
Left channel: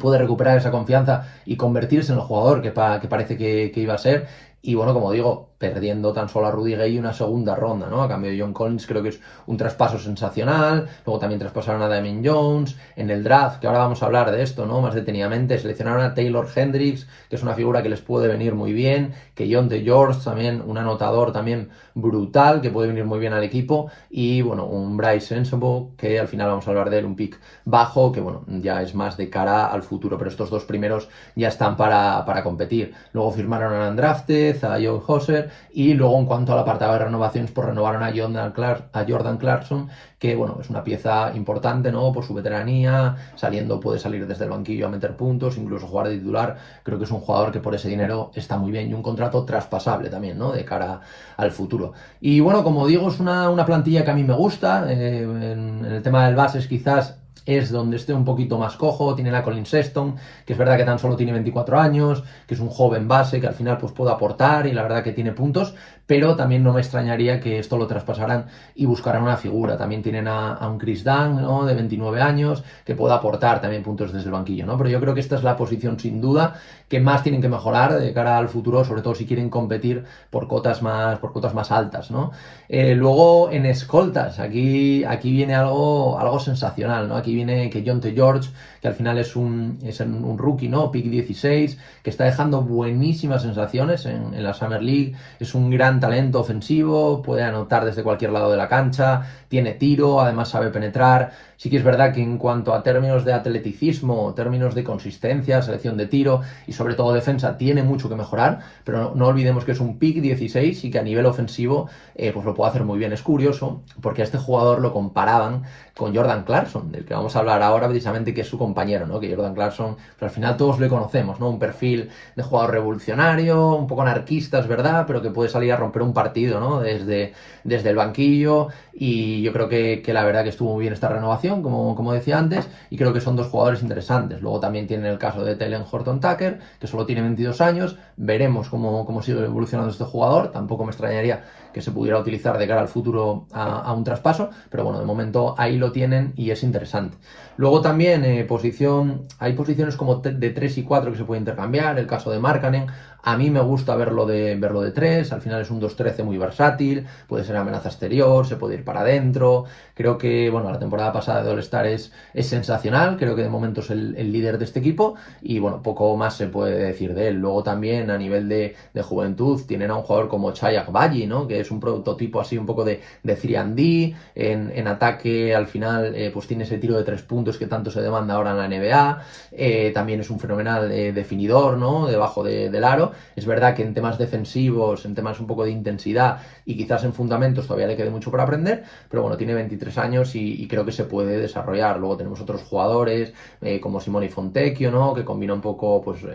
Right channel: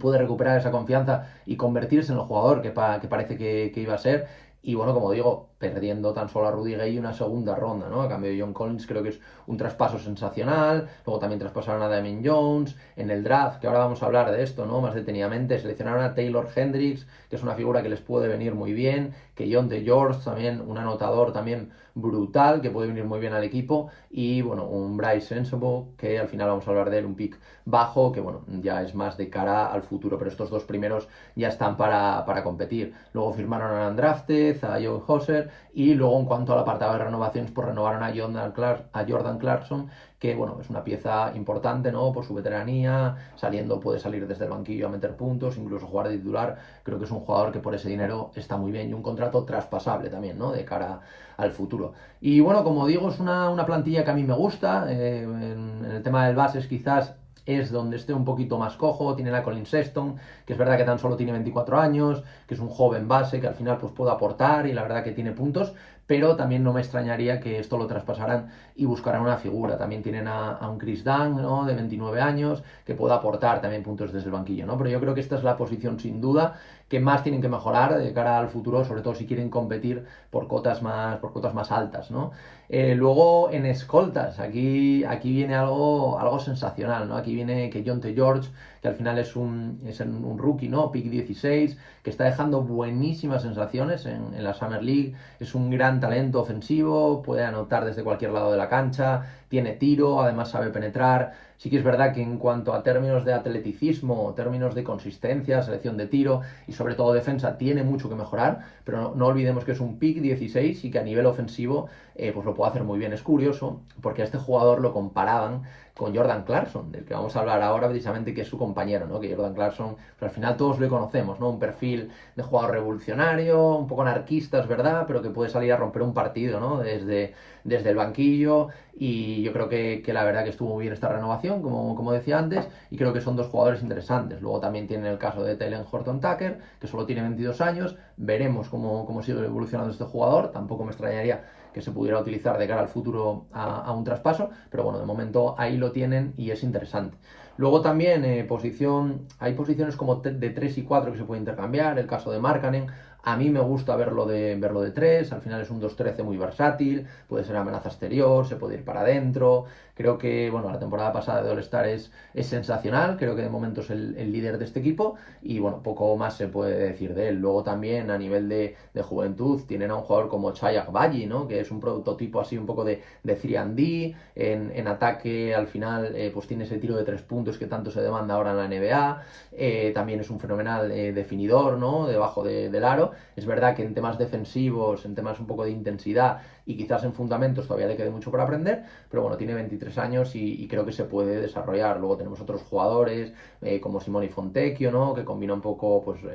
puede recuperar esa confianza y convertirse en el jugador que parece que iba a ser. Y bueno, como digo, perdiendo tan solo a Rudy Gay una segunda ronda, ¿no? A cambio de John Collins, creo que es un traspaso sensacional. Luego también traspasaron a Damien Jones. En el draft, que ahora vamos a hablar de esto, ¿no? Más detenidamente, seleccionaron a Taylor Hendricks, que es una figura que les puede venir muy bien. Que John de George, también un anotador también brutal, que puede venir muy bien al equipo. Y bueno, un Bryce Sensabaugh, que al final vamos a hablar de él, un pick bajo, que bueno, ya es más de cara al futuro, pero estos dos primeros ya están para competir. Luego firmaron a Undrafted, a Joe Hauser, y luego en cuanto al apartado de renovaciones, pues renovaron a Jordan Clarkson, que bueno, es una pieza importante, ¿no? Por su veteranía, saliendo, puede salir desde el banquillo a meter puntos, incluso jugar de titular. Creo que es un jugador que por ese dinero está muy bien y un contrato traspasable también, ¿no? De cara al futuro. Y bueno, como digo, es una plantilla que a mí me gusta. En el tema del bases quizás es donde esté un poquito más cojo. Tiene la Colin Sexton, que es verdad que tan solo tiene 24 años, que es un joven base que al final pues puede aportar y la verdad que tiene puntos, pero también no me extrañaría que esto lo traspasaran y buscaran una figura. También tienen a un Chris Dunn, ¿no? De 29 años, que puede aportar también puntos desde el banquillo, ¿no? Pero yo creo que esta es la posición sin duda que más tienen que mejorar de cara al futuro, sobre todo si quieren competir por cotas más altas, ¿no? Luego en escoltas, aquí viene algo sensacional, ¿no? Aquí viene que John T. George, que al final es un rookie, ¿no? Pick 16, que está dejando buenísimas sensaciones en la Summer League, es un gran talento ofensivo, puede anotar desde cualquier lado de la cancha, tiene tiro, además sabe penetrar. Sí que es verdad que en cuanto a términos de atleticismo, términos de consistencia, selección de tiro y sobre todo defensa, tiene mucho que mejorar, pero no olvidemos que es un pick 16 y que a nivel ofensivo pues lo puede hacer muy bien. Es curioso porque a este jugador lo comparaban con Jordan Clarkson, del que vamos a hablar ahora precisamente, que es su compañero, ¿no? Que Jordan Clarkson, pues al final todos le conocemos, ¿no? Un perfil de jugador revolucionario, un poco anarquista, es verdad, pero que puede salir a romper un partido, ¿no? Desde el banquillo, y yo creo que la verdad que estuvo muy bien esta renovación, como decía antes, y creo que son dos jugadores interesantes. Luego también tiene el caso de Talen Horton Tucker, que solo tiene 22 años, veremos cómo sigue evolucionando este jugador, tampoco me extrañaría que se pudiera utilizar de cara al futuro a un traspaso, pero bueno, de momento ahí lo tienen y es interesante. Luego también hay posiciones como de 3 y 4 que se puede intercambiar, el caso de Markkanen. A mí me gusta verlo de 3, al final es un 2-13 muy versátil, puede ser amenaza exterior, se puede ir para adentro. Creo que, bueno, la temporada pasada de All-Star es sensacional, creo que de momento es el líder de este equipo y, bueno, poco más se puede decir de él. Luego también a nivel de juventud tienen a un jugador como Chai Agbaji, ¿no? Que es un prototipo así un poco de 3&D, en ataque al final pues tiene ese tiro de 3 puntos que tanto se demanda ahora en la NBA, también es un fenomenal definidor, ¿no? Debajo del aro. Es verdad que en temas defensivos, en temas un poco de intensidad y quizás en fundamentos todavía le quede mucho por aprender, pero bueno, tiene 23 años y creo que se puede desarrollar. Luego tenemos otros jugadores como Simone Fontecchio, ¿no? Que combina un poco, pues,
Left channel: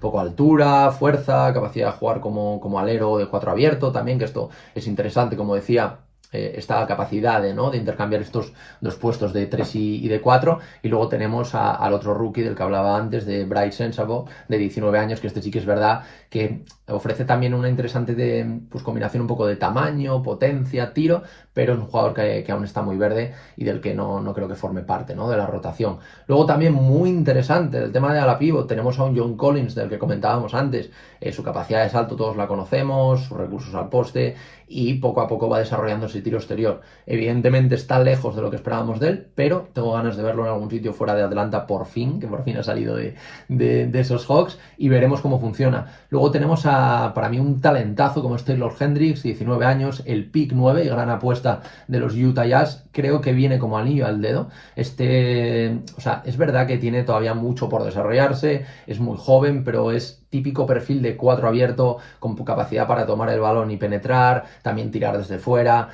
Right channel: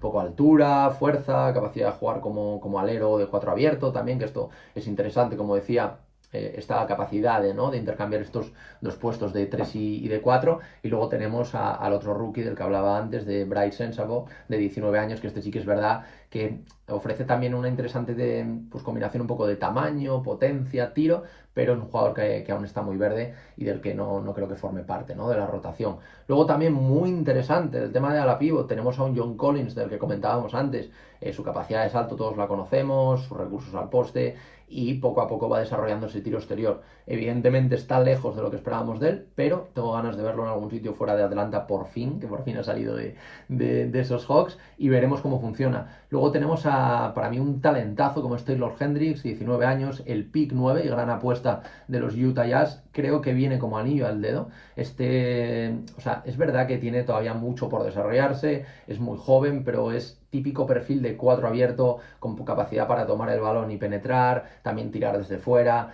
poco altura, fuerza, capacidad de jugar como alero de 4 abierto también, que esto es interesante, como decía, esta capacidad ¿no? de intercambiar estos dos puestos de 3 y de 4. Y luego tenemos al otro rookie del que hablaba antes, de Bryce Sensabaugh, de 19 años, que este sí que es verdad que ofrece también una interesante pues, combinación un poco de tamaño, potencia, tiro, pero es un jugador que aún está muy verde y del que no creo que forme parte, ¿no? De la rotación. Luego también muy interesante el tema de ala pivot, tenemos a un John Collins del que comentábamos antes, su capacidad de salto todos la conocemos, sus recursos al poste, y poco a poco va desarrollando ese tiro exterior. Evidentemente está lejos de lo que esperábamos de él, pero tengo ganas de verlo en algún sitio fuera de Atlanta por fin, que por fin ha salido de esos Hawks, y veremos cómo funciona. Luego tenemos para mí un talentazo como es Taylor Hendricks, 19 años, el pick 9 y gran apuesta de los Utah Jazz. Creo que viene como anillo al dedo. O sea, es verdad que tiene todavía mucho por desarrollarse, es muy joven, pero es típico perfil de 4 abierto, con capacidad para tomar el balón y penetrar, también tirar desde fuera,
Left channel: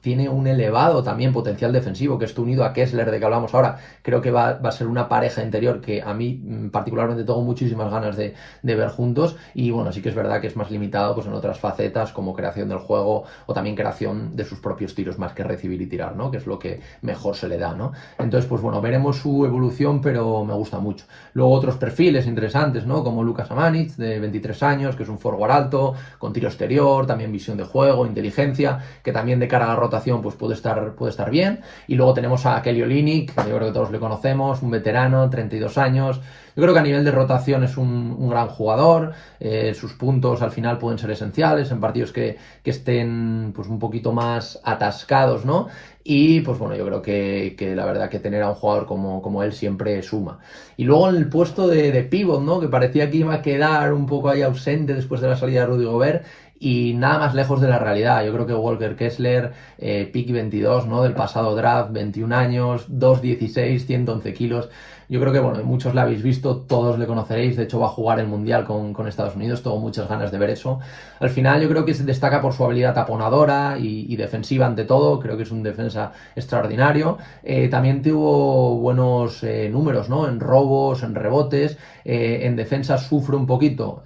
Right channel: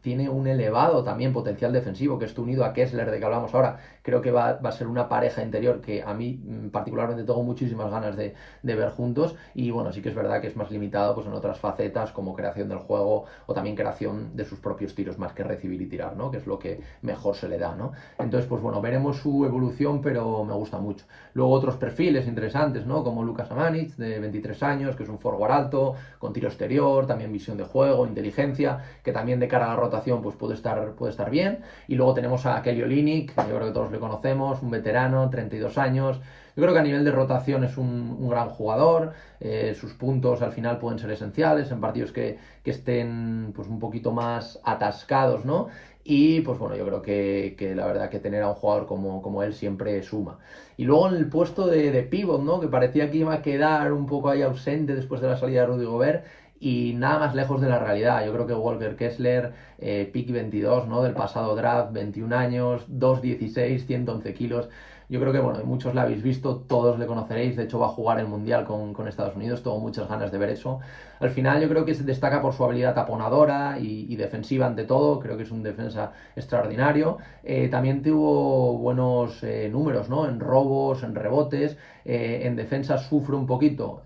tiene un elevado también potencial defensivo, que esto unido a Kessler, de que hablamos ahora, creo que va a ser una pareja interior que a mí particularmente tengo muchísimas ganas de ver juntos. Y bueno, sí que es verdad que es más limitado pues en otras facetas como creación del juego o también creación de sus propios tiros, más que recibir y tirar, ¿no? Que es lo que mejor se le da, ¿no? Entonces, pues bueno, veremos su evolución, pero me gusta mucho. Luego otros perfiles interesantes, ¿no? Como Lucas Amanic, de 23 años, que es un forward alto, con tiro exterior, también visión de juego, inteligencia, que también de cara a la rotación pues puede estar bien. Y luego tenemos a Kelly Olynyk, que yo creo que todos le conocemos, un veterano, 32 años. Yo creo que a nivel de rotación es un gran jugador, sus puntos al final pueden ser esenciales en partidos que estén pues un poquito más atascados, ¿no? Y pues bueno, yo creo que la verdad que tener a un jugador como él siempre suma. Y luego en el puesto de pívot, ¿no? Que parecía que iba a quedar un poco ahí ausente después de la salida de Rudy Gobert. Y nada más lejos de la realidad. Yo creo que Walker Kessler, pick 22, ¿no? Del pasado draft, 21 años, 2'16", 111 kilos. Yo creo que, bueno, muchos la habéis visto, todos le conoceréis, de hecho va a jugar el Mundial con Estados Unidos, tengo muchas ganas de ver eso. Al final yo creo que se destaca por su habilidad taponadora y defensiva ante todo, creo que es un defensa extraordinario. También tuvo buenos números, ¿no? En robos, en rebotes, en defensa sufre un poquito,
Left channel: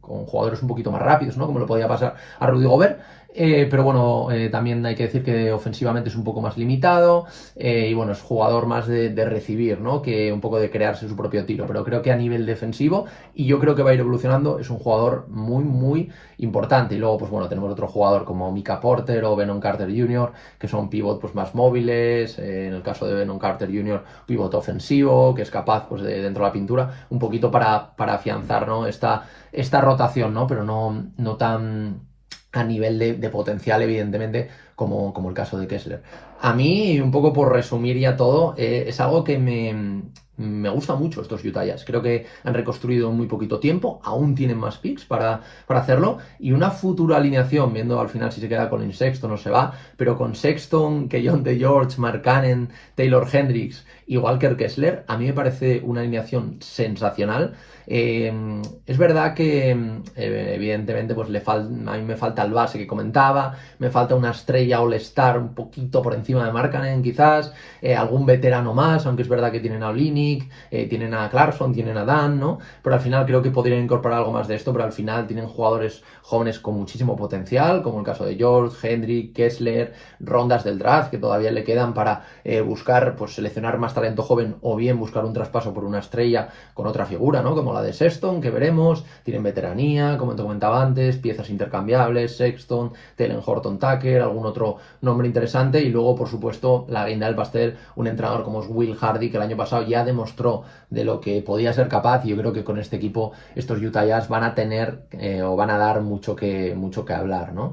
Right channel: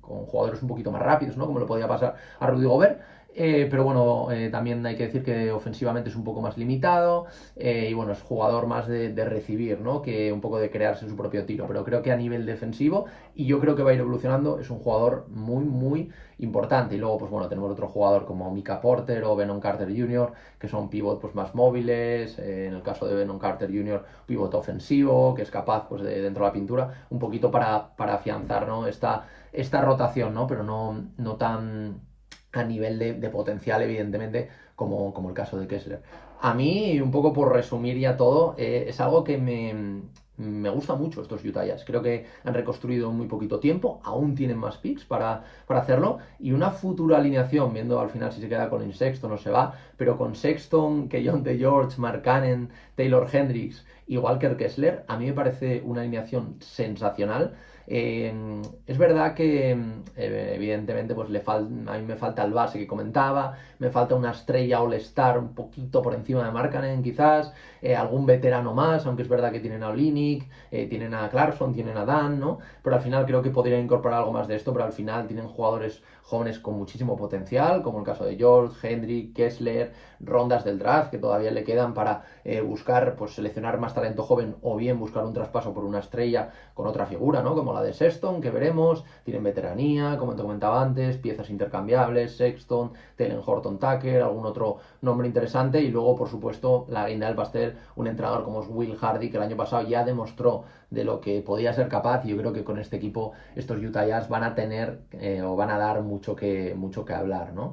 con jugadores un poquito más rápidos, ¿no? Como lo podía pasar a Rudy Gobert. Pero bueno, también hay que decir que ofensivamente es un poco más limitado y bueno, es jugador más de recibir, ¿no? Que un poco de crearse su propio tiro, pero creo que a nivel defensivo, y yo creo que va a ir evolucionando, es un jugador muy, muy importante. Y luego, pues bueno, tenemos otro jugador como Mika Porter o Venon Carter Jr., que son pivot pues más móviles, en el caso de Venon Carter Jr., pivot ofensivo, que es capaz pues de dentro de la pintura, un poquito para afianzar, ¿no? Esta rotación, ¿no? Pero no tan a nivel de potencial, evidentemente, como el caso de Kessler. A mí, un poco por resumir ya todo, es algo que me gusta mucho estos Utah Jazz. Creo que han reconstruido en muy poquito tiempo, aún tienen más picks para hacerlo, y una futura alineación, viendo al final si se queda con Sexton o se va, pero con Sexton, Keyonte George, Mark Cannon, Taylor Hendricks y Walker Kessler, a mí me parece una alineación sensacional. Es verdad que evidentemente pues a mí me falta el base que comentaba, me falta una estrella All-Star un poquito por encima de Markkanen quizás, algún veterano más, aunque es verdad que tienen a Olynyk, tienen a Clarkson, tienen a Dan, ¿no? Pero al final creo que podrían incorporar algo más de esto, pero al final tienen jugadores jóvenes con muchísimo potencial, como el caso de George, Hendrick, Kessler, rondas del draft que todavía le quedan para buscar, pues seleccionar más talento joven o bien buscar un traspaso por una estrella con otra figura, ¿no? Como la de Sexton, que veremos, tienen veteranía, como te comentaba antes, piezas intercambiables, Sexton, Talen Horton Tucker, algún otro nombre interesante, y luego, por supuesto, la guinda del pastel, un entrenador como es Will Hardy, que el año pasado ya demostró de lo que podía ser capaz, y yo creo que con este equipo estos Utah Jazz van a tener o van a dar mucho que hablar, ¿no?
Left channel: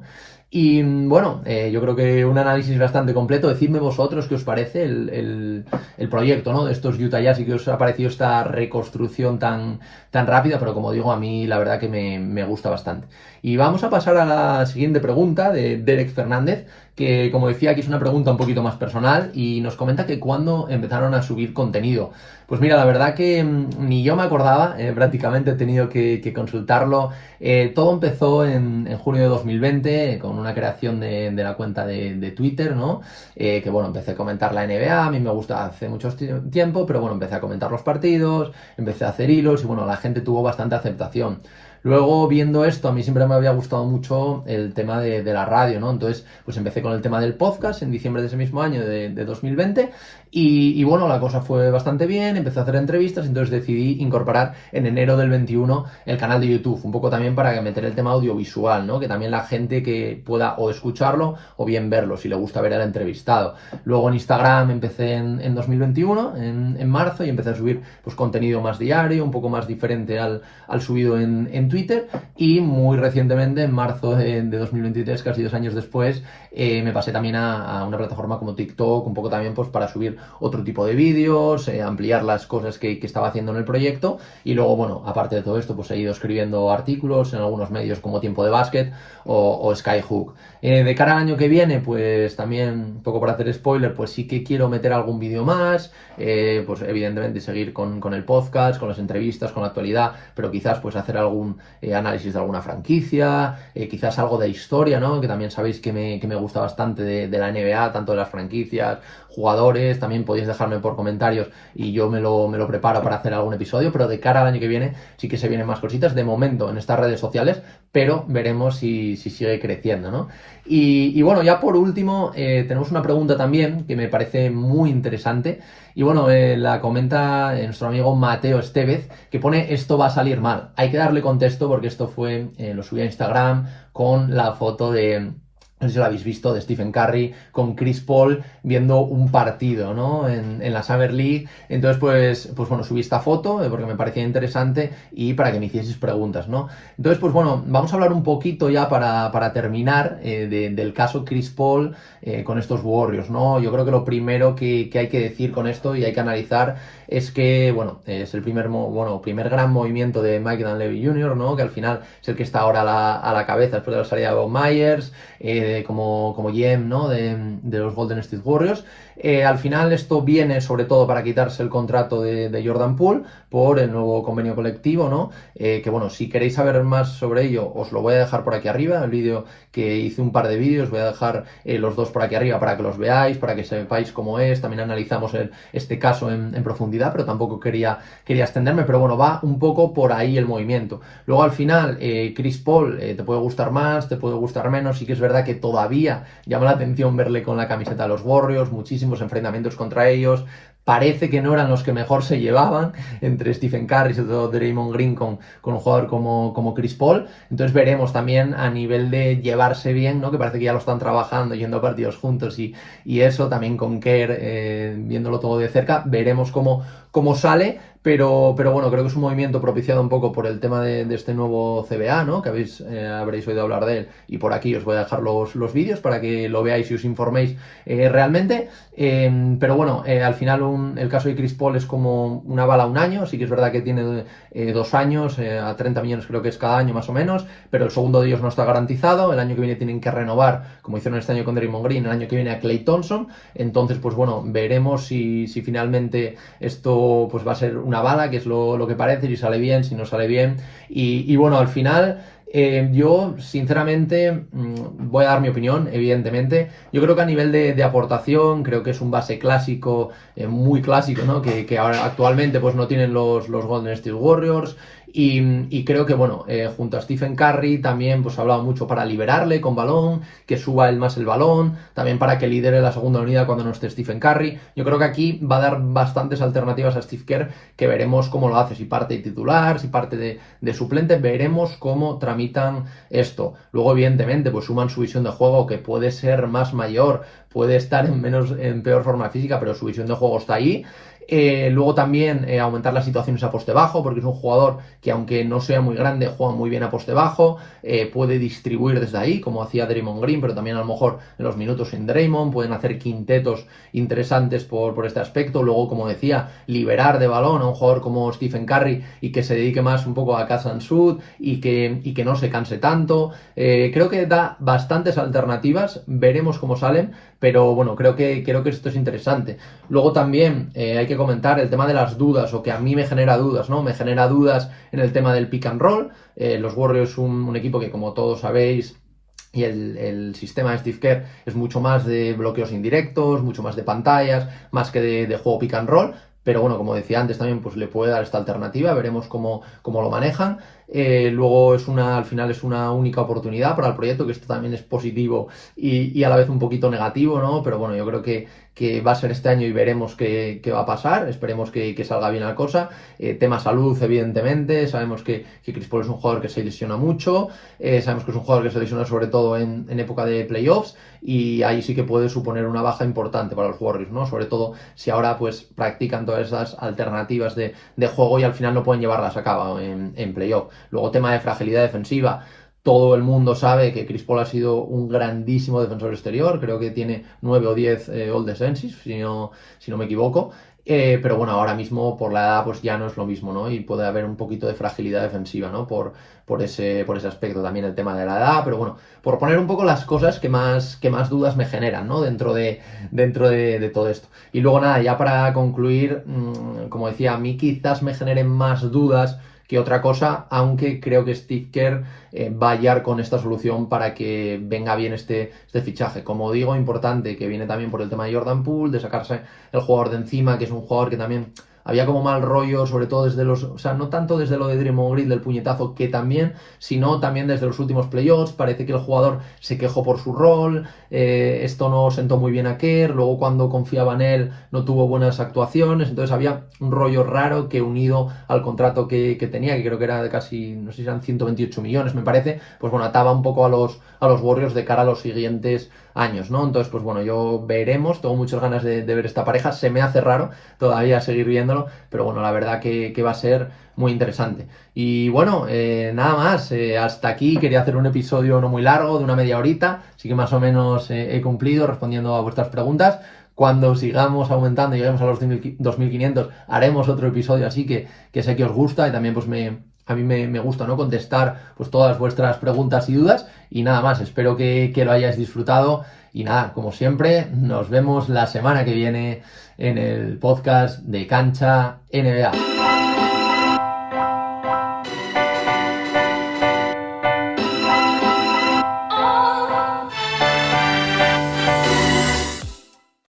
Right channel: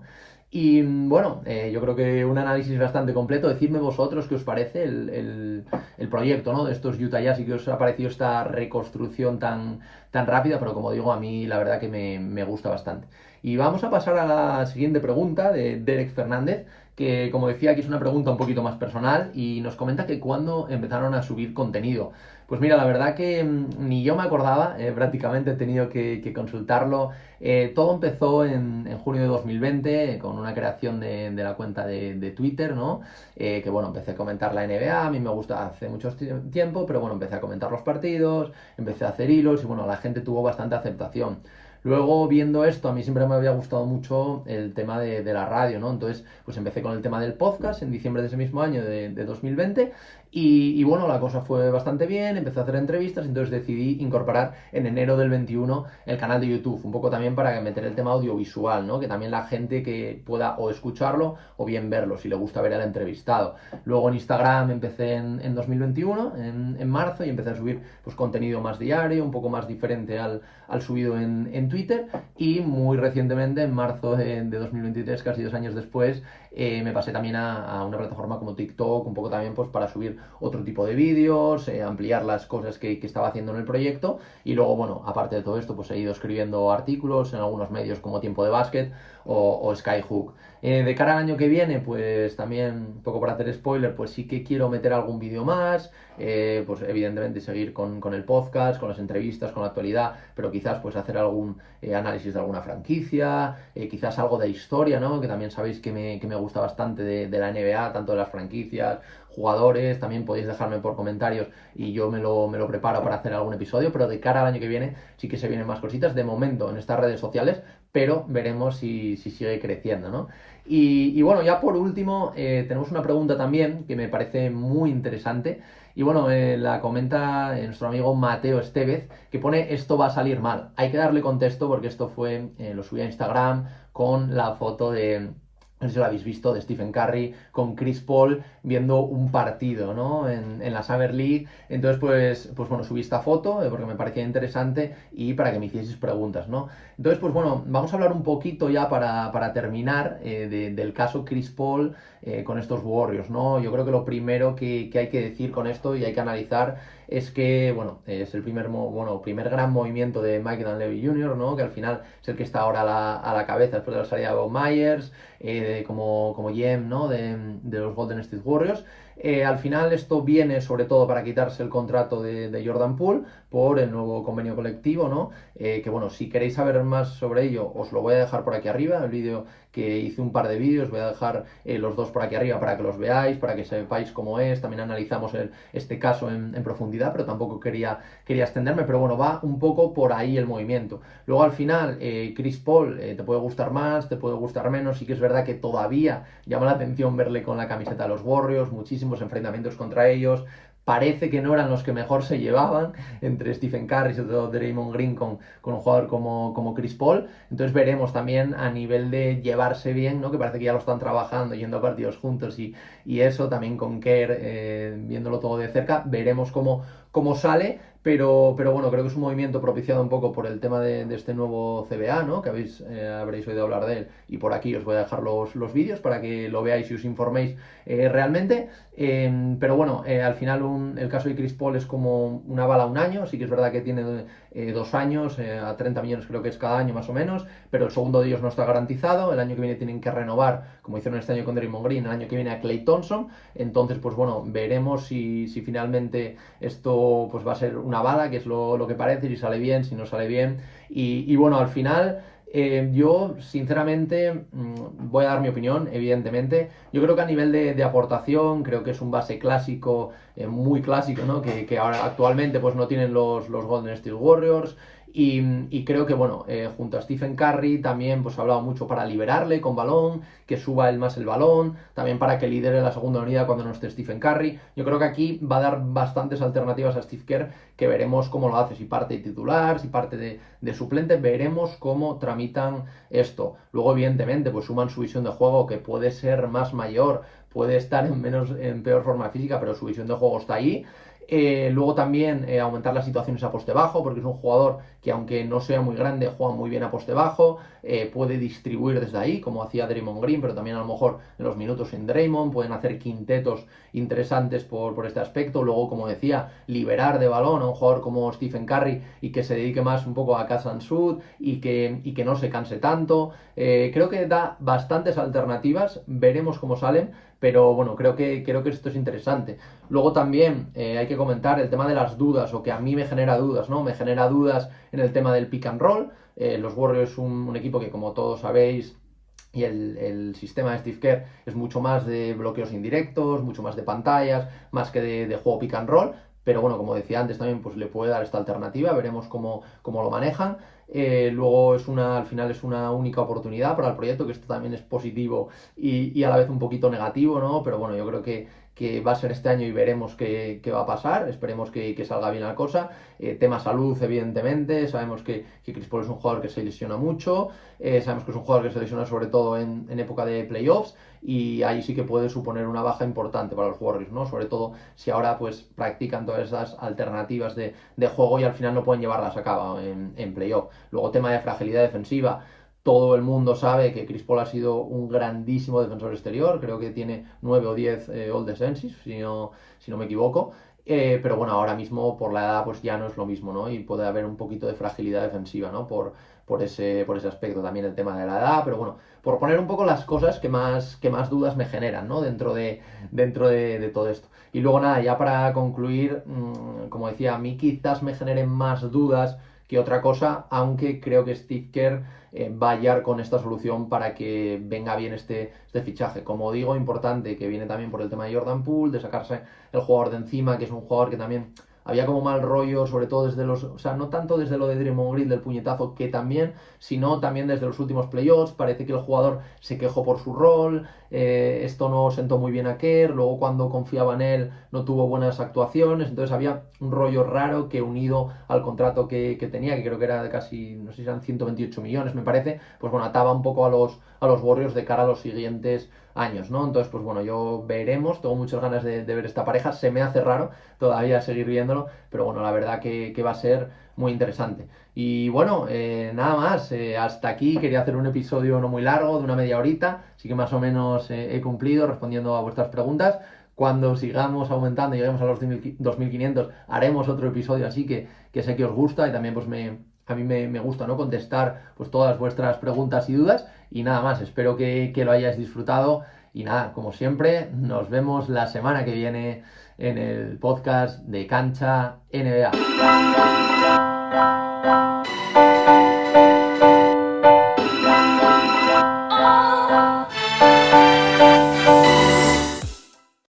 Y bueno, yo creo que un análisis bastante completo. Decidme vosotros qué os parece el proyecto, ¿no? De estos Utah Jazz y qué os ha parecido esta reconstrucción tan rápida, pero como digo, a mí la verdad que me gusta bastante. Y vamos a pasar a la siguiente pregunta de Derek Fernández, que como decía, aquí es una pregunta un poquito más personal y nos comenta que cuándo empezaron a subir contenido. Pues mira, la verdad que ni yo me acordaba, prácticamente he tenido que consultarlo. Todo empezó en junio de 2020 con una creación de la cuenta de Twitter, ¿no? Que bueno, empecé a comentar la NBA, a mí me gusta hace mucho tiempo, pero bueno, empecé a comentar los partidos, empecé a hacer hilos y bueno, la gente tuvo bastante aceptación. Luego, viendo esto, a mí siempre me había gustado mucho el tema de la radio, ¿no? Entonces, pues empecé con el tema del podcast en diciembre de ese mismo año, de 2020, y bueno, la cosa fue bastante bien, empecé a hacer entrevistas, entonces decidí incorporar en enero del 21 el canal de YouTube, un poco también para meter el tema audiovisual, ¿no? Que también la gente que pueda o escucharlo o bien verlo, si le gusta ver al entrevistado. Luego en Instagram empecé en 2021, en marzo, y empecé a subir pues contenido más diario, un poco más diferente al subido en en Twitter, y muy recientemente, en marzo de 2023, casi 2 años después, me pasé también a una plataforma como TikTok, un poco también pues para subir otro tipo de vídeos, ampliar las cosas que estaba haciendo en el proyecto, y luego, bueno, aparte de todo esto, pues he ido escribiendo artículos en algunos medios como Tiempo de Básquet o Skyhook. De cara al año que viene, pues también, un poco para hacer spoiler, pues sí que quiero meter algún vídeo más, pues evidentemente seguir con el podcast, con las entrevistas, con la actualidad, pero quizás pues hacer algún análisis de alguna franquicia, quizás algo de historia, ¿no? Que también sabéis que me gusta bastante de la NBA, tanto de las franquicias, jugadores, también podéis dejarme por comentarios y yo me lo preparo para hacer algún episodio, pero de cara al año que viene sí que se vienen más cositas, de momento en estas redes sociales, pero veremos si sigue creciendo, ¿no? Y bueno, ya por último, tenemos una pregunta también que me parece muy interesante. Y bueno, la comenta nuestro amigo Mateo Estevez, que pone: esto va a salir mal. Hay que darle contexto porque esto fue, lo subí a Instagram con la foto de, no sé si lo habéis visto, de Stephen Curry con Chris Paul viendo un partido, ¿no? En la Summer League. Entonces, pues bueno, subí esta foto porque me parecía interesante y para que me hicieseis preguntas, ¿no? Entonces, pues bueno, vamos a hablar un poquito ya para terminar del caso Chris Paul con estos Warriors, ¿no? Yo creo que lo primero que hay que decir con esto y hay que analizar es que, bueno, es el primer gran movimiento de Mike Dunleavy Jr., ¿no? Que al final es el que está ahora a la cabeza después de la salida de Bob Myers, como GM, ¿no? de los Golden State Warriors. Al final esto viene sobre todo para quitarse el contrato de Jordan Poole por el nuevo convenio colectivo, ¿no? Que bueno, si queréis saber más sobre ello, os lo voy a dejar por aquí arriba, el vídeo que hice, un par de vídeos, voy a dejar los dos por aquí arriba para que los veáis, para que sepáis cómo es, también analizamos este caso en profundidad, pero tampoco quería extenderme, pero bueno, va un poco por ahí el movimiento. Luego al final, Chris Paul, te puede gustar más, te puede gustar menos, sí que es verdad que todavía llama la atención verle con la camiseta de los Warriors, muchísimos enfrentamientos contra ellos, parece que no eran los que mejor se llevaban entre Stephen Curry y sobre todo Draymond Green con un jugador como Chris Paul. Entonces veremos también a nivel de llevarse bien, ¿no? Que parece que ya lo están trabajando, yendo a partidos juntos y eso, también con Kerr, viéndolo todo de cerca, veremos cómo sale. Pero bueno, creo que es un movimiento propiciado un poco por el tema de este nuevo CBA, ¿no? Que habréis oído hablar de él. Y por aquí os voy a dejar los vídeos para que lo veáis y os informéis realmente. Pero bueno, al final el caso de Chris Paul es como una bala a un año. Sí que es verdad que tiene 2 años, a 30 millones creo que es cada año más o menos, pero el segundo de ellos no está garantizado. El año que viene tienen que renovar, como hicieron este año con Draymond Green, el año que viene a Klay Thompson. Entonces, pues bueno, veremos si finalmente esto pues va a ser una bala, que es lo que parece, si sale bien, si no sale bien. Y bueno, al final... yo, sinceramente, voy a dar mi opinión, evidentemente. Yo creo que a nivel de aportación, creo que es un base clásico, muy clásico, ¿no? Que ahora actualmente pues no tienen los Golden State Warriors. Y creo que, bueno, junto a Stephen Curry también pues ha hablado mucho para liberarle con balón, que suba él más el balón, también para que lidere la segunda unidad cuando no esté Stephen Curry. Yo creo que aquí va a dar bastantes alternativas a Steve Kerr, que veremos cómo lo hace, si parte de titular, si parte de suplente, veremos cómo tramitan esto. Luego, evidentemente, pues suman su visión de juego, que puede ser más mayor, puede estar en peor forma física, pero su visión de juego está ahí. Luego también aumentar las situaciones a poste bajo, porque es un jugador que, aunque no sea muy grande, juega muy bien a poste bajo, puede distribuir desde ahí, como hacía Draymond Green, pero también a lo mejor en los minutos en Draymond, pueden hacer quintetos interesantes por este aspecto. Luego, como decía, liberar de balón a un jugador como Stephen Curry y que se dedique más un poco a catch and shoot y que no se canse tanto. Creo que da bastantes alternativas, veremos cómo salen, pero bueno, creo que esto es interesante. Luego también hay que comentar el tema de las dudas, o que a mí me genera dudas, ¿no? Me genera dudas en el tema del pick and roll. Los Warriors es un equipo que, como todos sabéis, y el sistema de Steve Kerr es mucho más de bloqueos indirectos, mucho más de pantallas, más que de juego pick and roll. Pero bueno, como decía antes, también pues le puede dar esta alternativa, veremos cómo lo manejan. Luego al final es una única oportunidad para el proyecto, que esto también es positivo y a la vez un poquito negativo, ¿no? Pero bueno, yo creo que va a ser este año y veremos qué va a pasar. Esperemos que salga bien la cosa. Tema salud, evidentemente. Sabemos que Chris Paul es un jugador que se lesiona mucho. Sabemos que es un jugador que se lesiona sobre todo en época de playoffs. Y ahí sí que puede suponer una baja importante para los Warriors, ¿no? Sobre todo si ahora pues practican todas esas alternativas de juego y al final no pueden llevarlas a cabo en playoff. Luego, tema de fragilidad defensiva. Todo el mundo sabe que Chris Paul ha sido un grandísimo defensor exterior, creo que tiene 9 o 10 all defensive, si no me equivoco. Pero bueno, ahora mismo por la edad pues ya no es lo mismo, ¿no? Y puede haber un poquito de fragilidad defensiva, ¿no? Por ese aspecto también el tema de la edad, pero bueno, por poner un poco las cosas que más dudas me generan, ¿no? Dentro de todo esto. Y luego nada, ya para concluir, como decía, a mí quizás me generen más dudas que otra cosa, aunque creo que Steve Kerr va a hallar con esta solución para que venga bien este fichaje. Como digo, importante, que viene también por el tema de Jordan Poole, de sacarse el jugador de encima, que es un jugador que también había como mal rollo, sobre todo o sea, no tanto desde lo de Draymond Green del puñetazo, que también, sino también desde los últimos playoffs. Parece que el jugador se quejó por su rol, esto no sentó muy bien a Kerr, luego cuando confiaba en él no tuvo buenas actuaciones, entonces había un rollo raro que unido al contrato que tenía, que creo que era de casi, no sé si eran 128 millones, me parece, pues bueno, ataba un poco a los Warriors de cara a los siguientes años, ¿no? Entonces, pues bueno, yo veremos, tengo muchas ganas de ver esta pareja, se me hace raro todavía seguir viéndolo, pero bueno, la verdad que va a ser muy interesante. Y bueno, nada más, hasta aquí quería hacer un episodio no muy largo, de una media horita, así que más o menos he cumplido respondiendo a vuestras preguntas. Cuando sigamos aumentando y lleguemos a los 2500, haremos otro episodio así que sé que os gusta y también pues a mí me gusta, ¿no? Contestar pues todas vuestras preguntas y dudas. Y nada más, espero que lo hayáis disfrutado. Y nada, como siempre, nos vemos la semana que viene en el podcast de Cancha NBA.